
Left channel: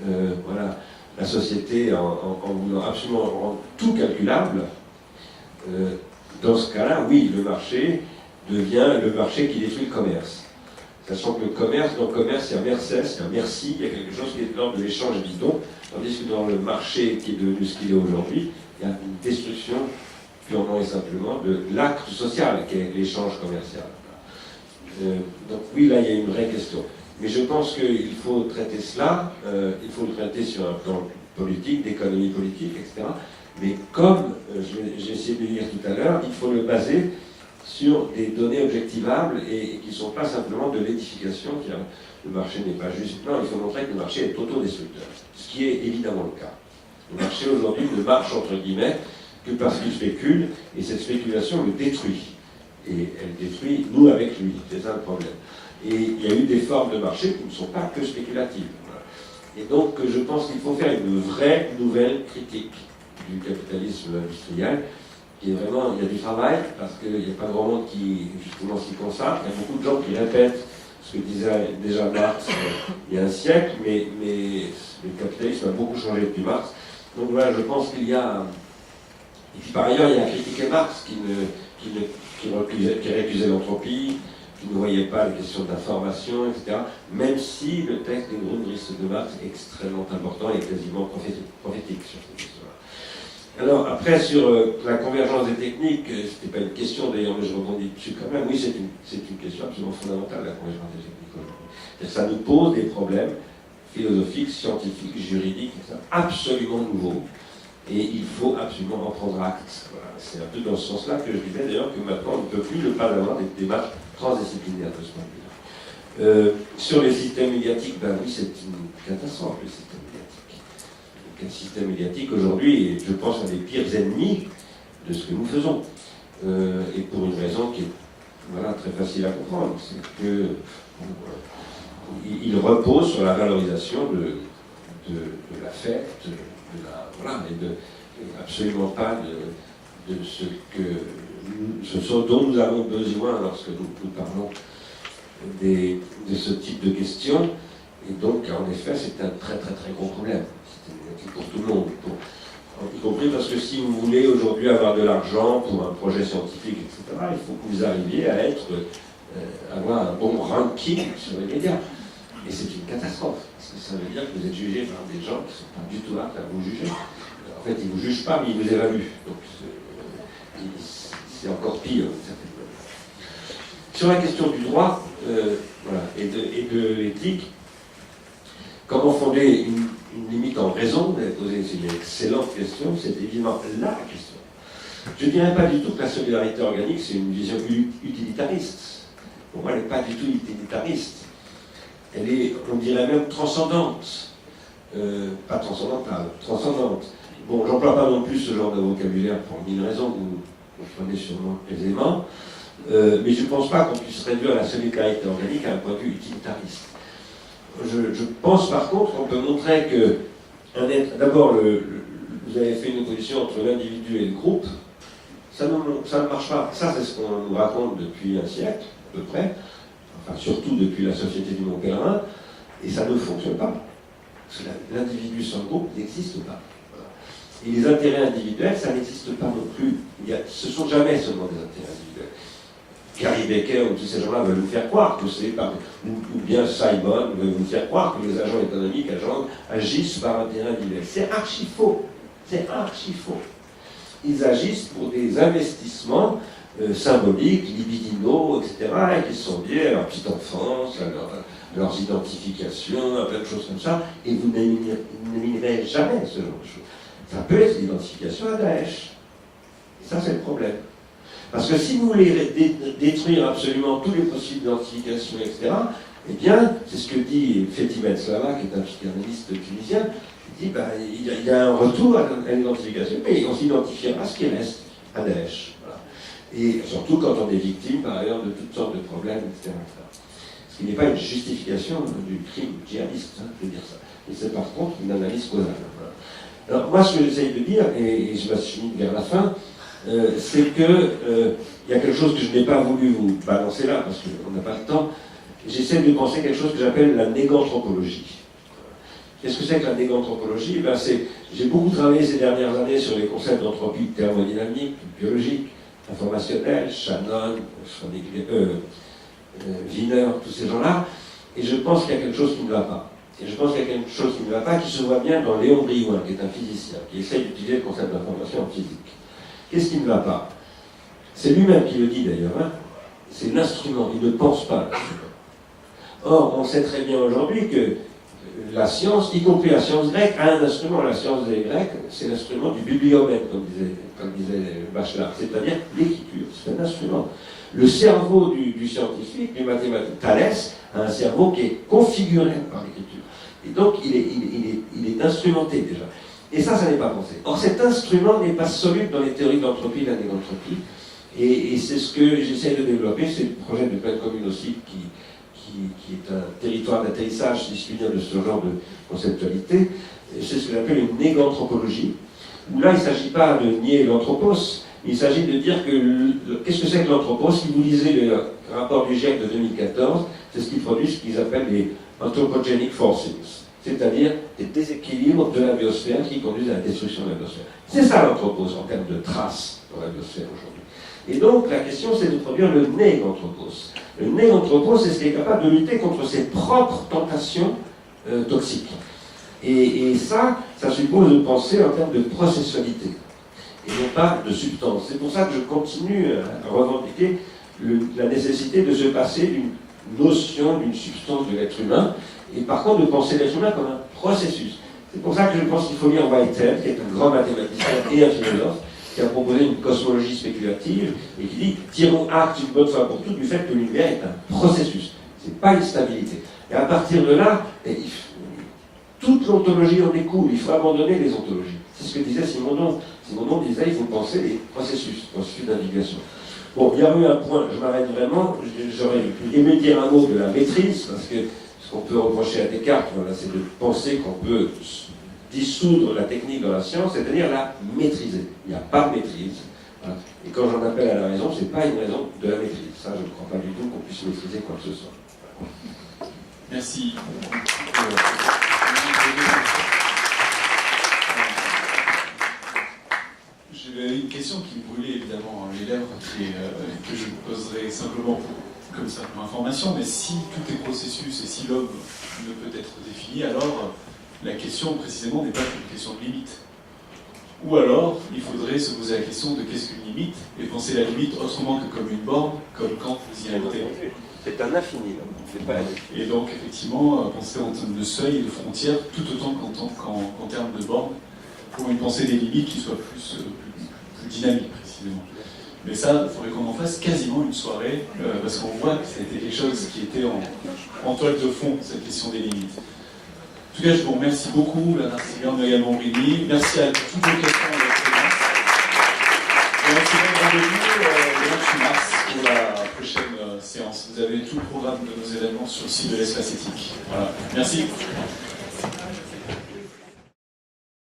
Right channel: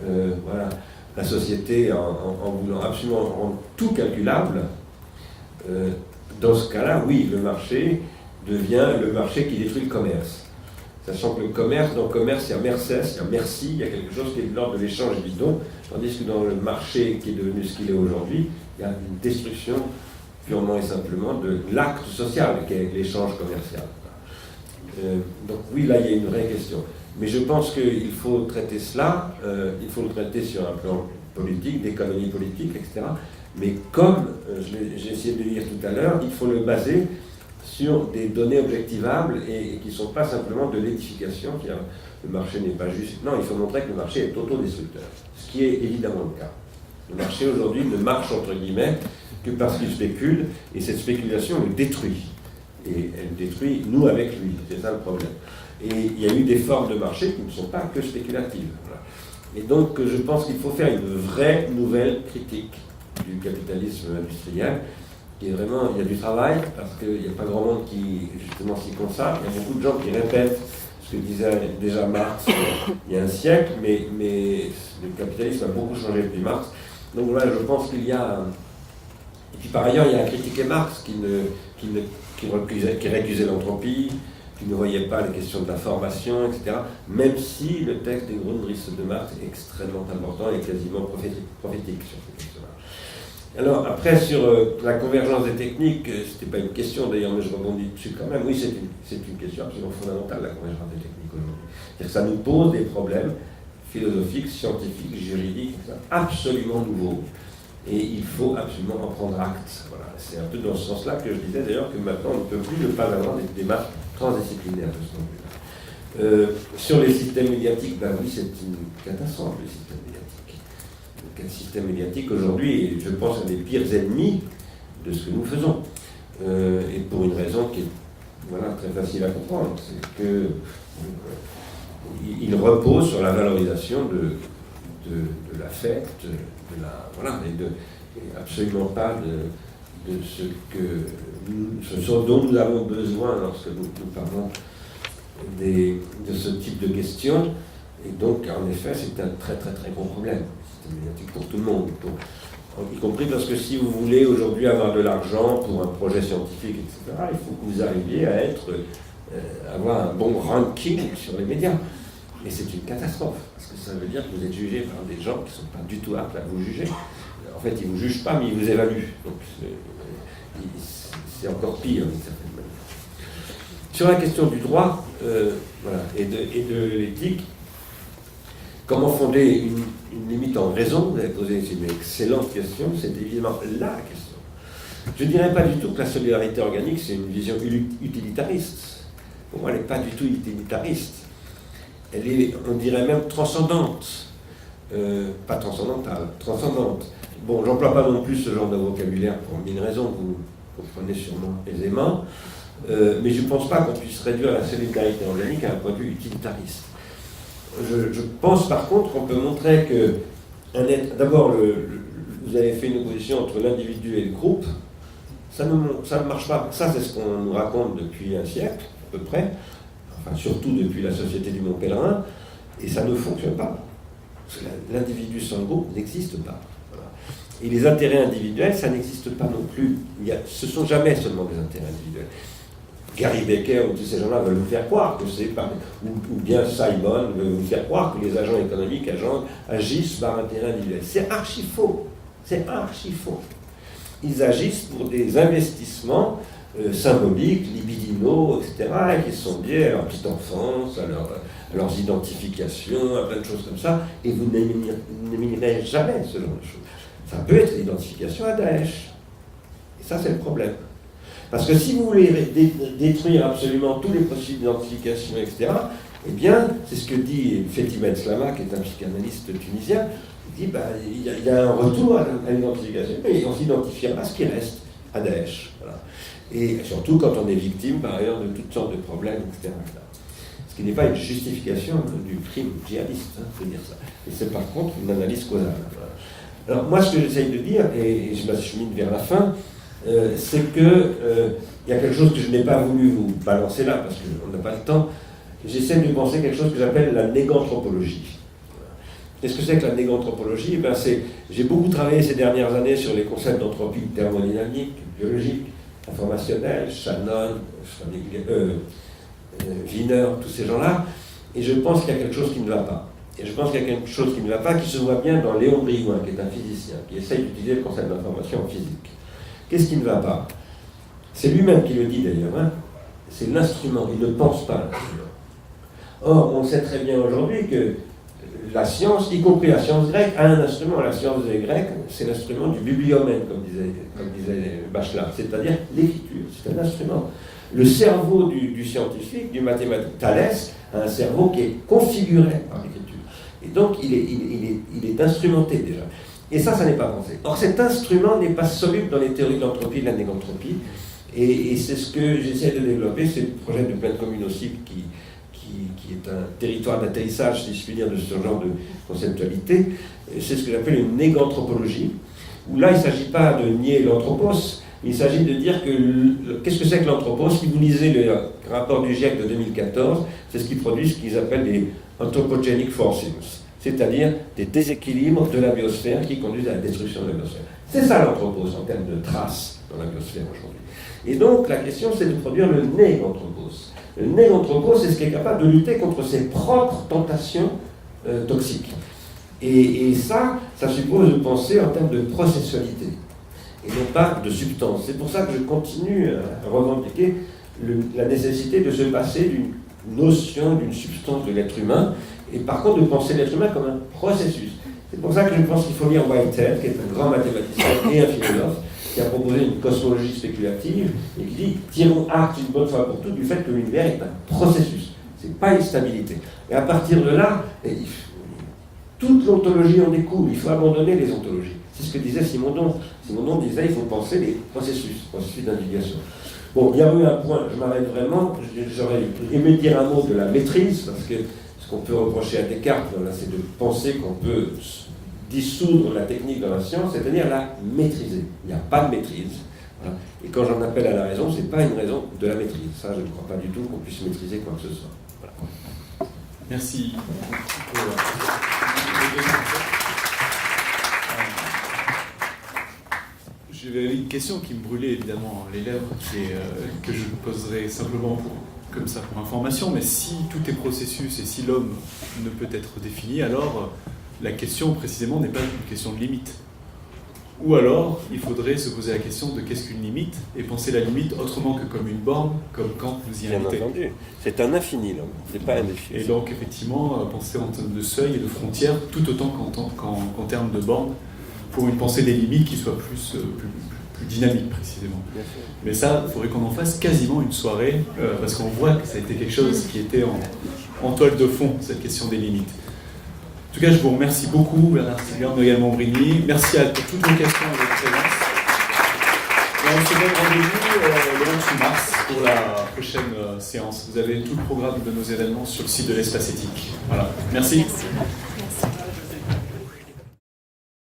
voilà, la société en voulant absolument rendre tout calculable, dans ce cas-là, oui, le marché devient le marché qui détruit le commerce. Sachant que le commerce, dans le commerce, il y a Mercès, il y a merci, il y a quelque chose qui est de l'ordre de l'échange et du don, tandis que dans le marché qui est devenu ce qu'il est aujourd'hui, il y a une destruction purement et simplement de l'acte social qui est l'échange commercial. Donc oui, là, il y a une vraie question. Mais je pense qu'il faut traiter cela, il faut le traiter sur un plan politique, d'économie politique, etc. Mais comme j'ai essayé de le dire tout à l'heure, il faut le baser sur des données objectivables et qui ne sont pas simplement de l'édification, le marché n'est pas juste. Non, il faut montrer que le marché est autodestructeur, ce qui est évidemment le cas. Le marché aujourd'hui ne marche, entre guillemets, que parce qu'il spécule, et cette spéculation le détruit. Et elle détruit nous avec lui, c'est ça le problème. Et il y a eu des formes de marché qui ne sont pas que spéculatives. Voilà. Et donc je pense qu'il faut faire une vraie nouvelle critique du capitalisme industriel, qui est vraiment, il y a du travail, parce qu'il n'y a pas grand monde qui justement s'y consacre, il y a beaucoup de gens qui répètent ce que disait déjà Marx il y a un siècle, mais le capitalisme a beaucoup changé depuis Marx. Donc voilà, je pense qu'il y a... Et puis par ailleurs, il y a à critiquer Marx qui réduisait l'entropie, qui ne voyait pas les questions de la formation, etc. Même si le texte des Grundrisse de Marx est extrêmement important et quasiment prophétique sur ces questions-là. Alors après, sur la convergence des techniques, c'était pas une question d'ailleurs, mais je rebondis dessus quand même. Oui, c'est une question absolument fondamentale, la convergence des techniques aujourd'hui. Ça nous pose des problèmes philosophiques, scientifiques, juridiques, absolument nouveaux. Et il faut absolument en prendre acte. Voilà. C'est un peu dans ce sens-là que je disais d'ailleurs que maintenant on ne peut plus ne pas avoir des démarches transdisciplinaires de ce point de vue. Sur les systèmes médiatiques, ben oui, c'est une catastrophe, les systèmes médiatiques. Le système médiatique aujourd'hui est, je pense, un des pires ennemis de ce que nous faisons. Et pour une raison qui est voilà, très facile à comprendre, c'est que il repose sur la valorisation de l'affect, voilà, et absolument pas de ce dont nous avons besoin lorsque nous parlons de ce type de questions. Et donc, en effet, c'est un très très très gros problème. C'est pour tout le monde, y compris parce que si vous voulez aujourd'hui avoir de l'argent pour un projet scientifique, etc., il faut que vous arriviez à avoir un bon ranking sur les médias. Et c'est une catastrophe, parce que ça veut dire que vous êtes jugé par des gens qui ne sont pas du tout aptes à vous juger. En fait, ils ne vous jugent pas, mais ils vous évaluent. Donc, c'est encore pire, d'une certaine manière. Sur la question du droit voilà, et de l'éthique, comment fonder une limite en raison? Vous avez posé une excellente question, c'est évidemment la question. Je ne dirais pas du tout que la solidarité organique, c'est une vision utilitariste. Pour moi, elle n'est pas du tout utilitariste. Elle est, on dirait même, transcendante. Pas transcendantale, transcendante. Bon, j'emploie pas non plus ce genre de vocabulaire pour mille raisons, vous comprenez sûrement aisément, mais je ne pense pas qu'on puisse réduire la solidarité organique à un point de vue utilitariste. Je pense par contre qu'on peut montrer que, d'abord, vous avez fait une opposition entre l'individu et le groupe, ça ne marche pas. Ça, c'est ce qu'on nous raconte depuis un siècle, à peu près. Enfin, surtout depuis la Société du Mont Pèlerin, et ça ne fonctionne pas. Parce que l'individu sans le groupe n'existe pas. Voilà. Et les intérêts individuels, ça n'existe pas non plus. Ce ne sont jamais seulement des intérêts individuels. Gary Becker ou tous ces gens-là veulent nous faire croire que c'est par... Ou bien Simon veut nous faire croire que les agents économiques agissent par intérêt individuel. C'est archi faux. C'est archi faux. Ils agissent pour des investissements symboliques, libidineux, marginaux, etc., et qui sont liés à leur petite enfance, à leurs identifications, à plein de choses comme ça, et vous n'éliminerez jamais ce genre de choses. Ça peut être l'identification à Daesh. Et ça, c'est le problème. Parce que si vous voulez détruire absolument tous les possibles identifications, etc., eh bien, c'est ce que dit Fethi Benslama, qui est un psychanalyste tunisien, il dit il y a un retour à l'identification, mais on s'identifiera à ce qui reste, à Daesh. Voilà. Et surtout quand on est victime, par ailleurs, de toutes sortes de problèmes, etc. Ce qui n'est pas une justification du crime djihadiste, il faut dire ça. Et c'est par contre une analyse causale. Voilà. Alors, moi, ce que j'essaye de dire, et je m'achemine vers la fin, c'est que il y a quelque chose que je n'ai pas voulu vous balancer là, parce qu'on n'a pas le temps. J'essaie de penser quelque chose que j'appelle la néganthropologie. Qu'est-ce que c'est que la néganthropologie? J'ai beaucoup travaillé ces dernières années sur les concepts d'entropie thermodynamique, biologique, informationnelle, Shannon, Wiener, tous ces gens-là, et je pense qu'il y a quelque chose qui ne va pas. Et je pense qu'il y a quelque chose qui ne va pas, qui se voit bien dans Léon Brillouin, qui est un physicien, qui essaye d'utiliser le concept d'information en physique. Qu'est-ce qui ne va pas? C'est lui-même qui le dit d'ailleurs, hein. C'est l'instrument, il ne pense pas l'instrument. Or, on sait très bien aujourd'hui que la science, y compris la science grecque, a un instrument. La science des Grecs, c'est l'instrument du bibliomène, comme disait Bachelard, c'est-à-dire l'écriture. C'est un instrument. Le cerveau du scientifique, du mathématicien, Thalès, a un cerveau qui est configuré par l'écriture. Et donc, il est instrumenté déjà. Et ça n'est pas pensé. Or, cet instrument n'est pas soluble dans les théories d'entropie, de la négantropie. Et c'est ce que j'essaie de développer, c'est le projet de pleine commune aussi, qui est un territoire d'atterrissage, si je puis dire, de ce genre de conceptualité. C'est ce que j'appelle une néganthropologie, où là, il ne s'agit pas de nier l'anthropos, il s'agit de dire que qu'est-ce que c'est que l'anthropos? Si vous lisez le rapport du GIEC de 2014, c'est ce qui produit ce qu'ils appellent les anthropogenic forces, c'est-à-dire des déséquilibres de la biosphère qui conduisent à la destruction de la biosphère. C'est ça l'anthropos en termes de traces dans la biosphère aujourd'hui. Et donc la question c'est de produire le néganthropos. Le néganthropos, c'est ce qui est capable de lutter contre ses propres tentations toxiques. Et ça suppose de penser en termes de processualité, et non pas de substance. C'est pour ça que je continue à revendiquer la nécessité de se passer d'une notion, d'une substance de l'être humain, et par contre de penser l'être humain comme un processus. C'est pour ça que je pense qu'il faut lire Whitehead, qui est un grand mathématicien et un philosophe, qui a proposé une cosmologie spéculative, et qui dit, tirons acte une bonne fois pour toutes du fait que l'univers est un processus, c'est pas une stabilité. Et à partir de là, toute l'ontologie en découle, il faut abandonner les ontologies. C'est ce que disait Simondon. Simondon disait, il faut penser les processus d'individuation. Bon, il y a eu un point, je m'arrête vraiment, j'aurais aimé dire un mot de la maîtrise, parce que ce qu'on peut reprocher à Descartes, c'est de penser qu'on peut dissoudre la technique dans la science, c'est-à-dire la maîtriser. Il n'y a pas de maîtrise. Voilà. Et quand j'en appelle à la raison, ce n'est pas une raison de la maîtrise. Ça, je ne crois pas du tout qu'on puisse maîtriser quoi que ce soit. Voilà. Merci. J'avais une question qui me brûlait évidemment les lèvres, que je vous poserai simplement comme ça, comme information, mais si tout est processus et si l'homme ne peut être défini, alors la question précisément n'est pas une question de limite. Ou alors, il faudrait se poser la question de qu'est-ce qu'une limite, et penser la limite autrement que comme une borne, comme quand vous y invitez. C'est un infini, l'homme, c'est pas un infini. Et donc, effectivement, penser en termes de seuil et de frontières, tout autant qu'en termes de bornes, pour une pensée des limites qui soit plus dynamique, précisément. Mais ça, il faudrait qu'on en fasse quasiment une soirée, parce qu'on voit que ça a été quelque chose qui était en toile de fond, cette question des limites. En tout cas, je vous remercie beaucoup, Bernard Tigard, Noémie Montbrigny. Merci à toutes les questions et les présences. Et on se donne rendez-vous le 28 mars pour la prochaine séance. Vous avez tout le programme de nos événements sur le site de l'Espace Éthique. Voilà. Merci.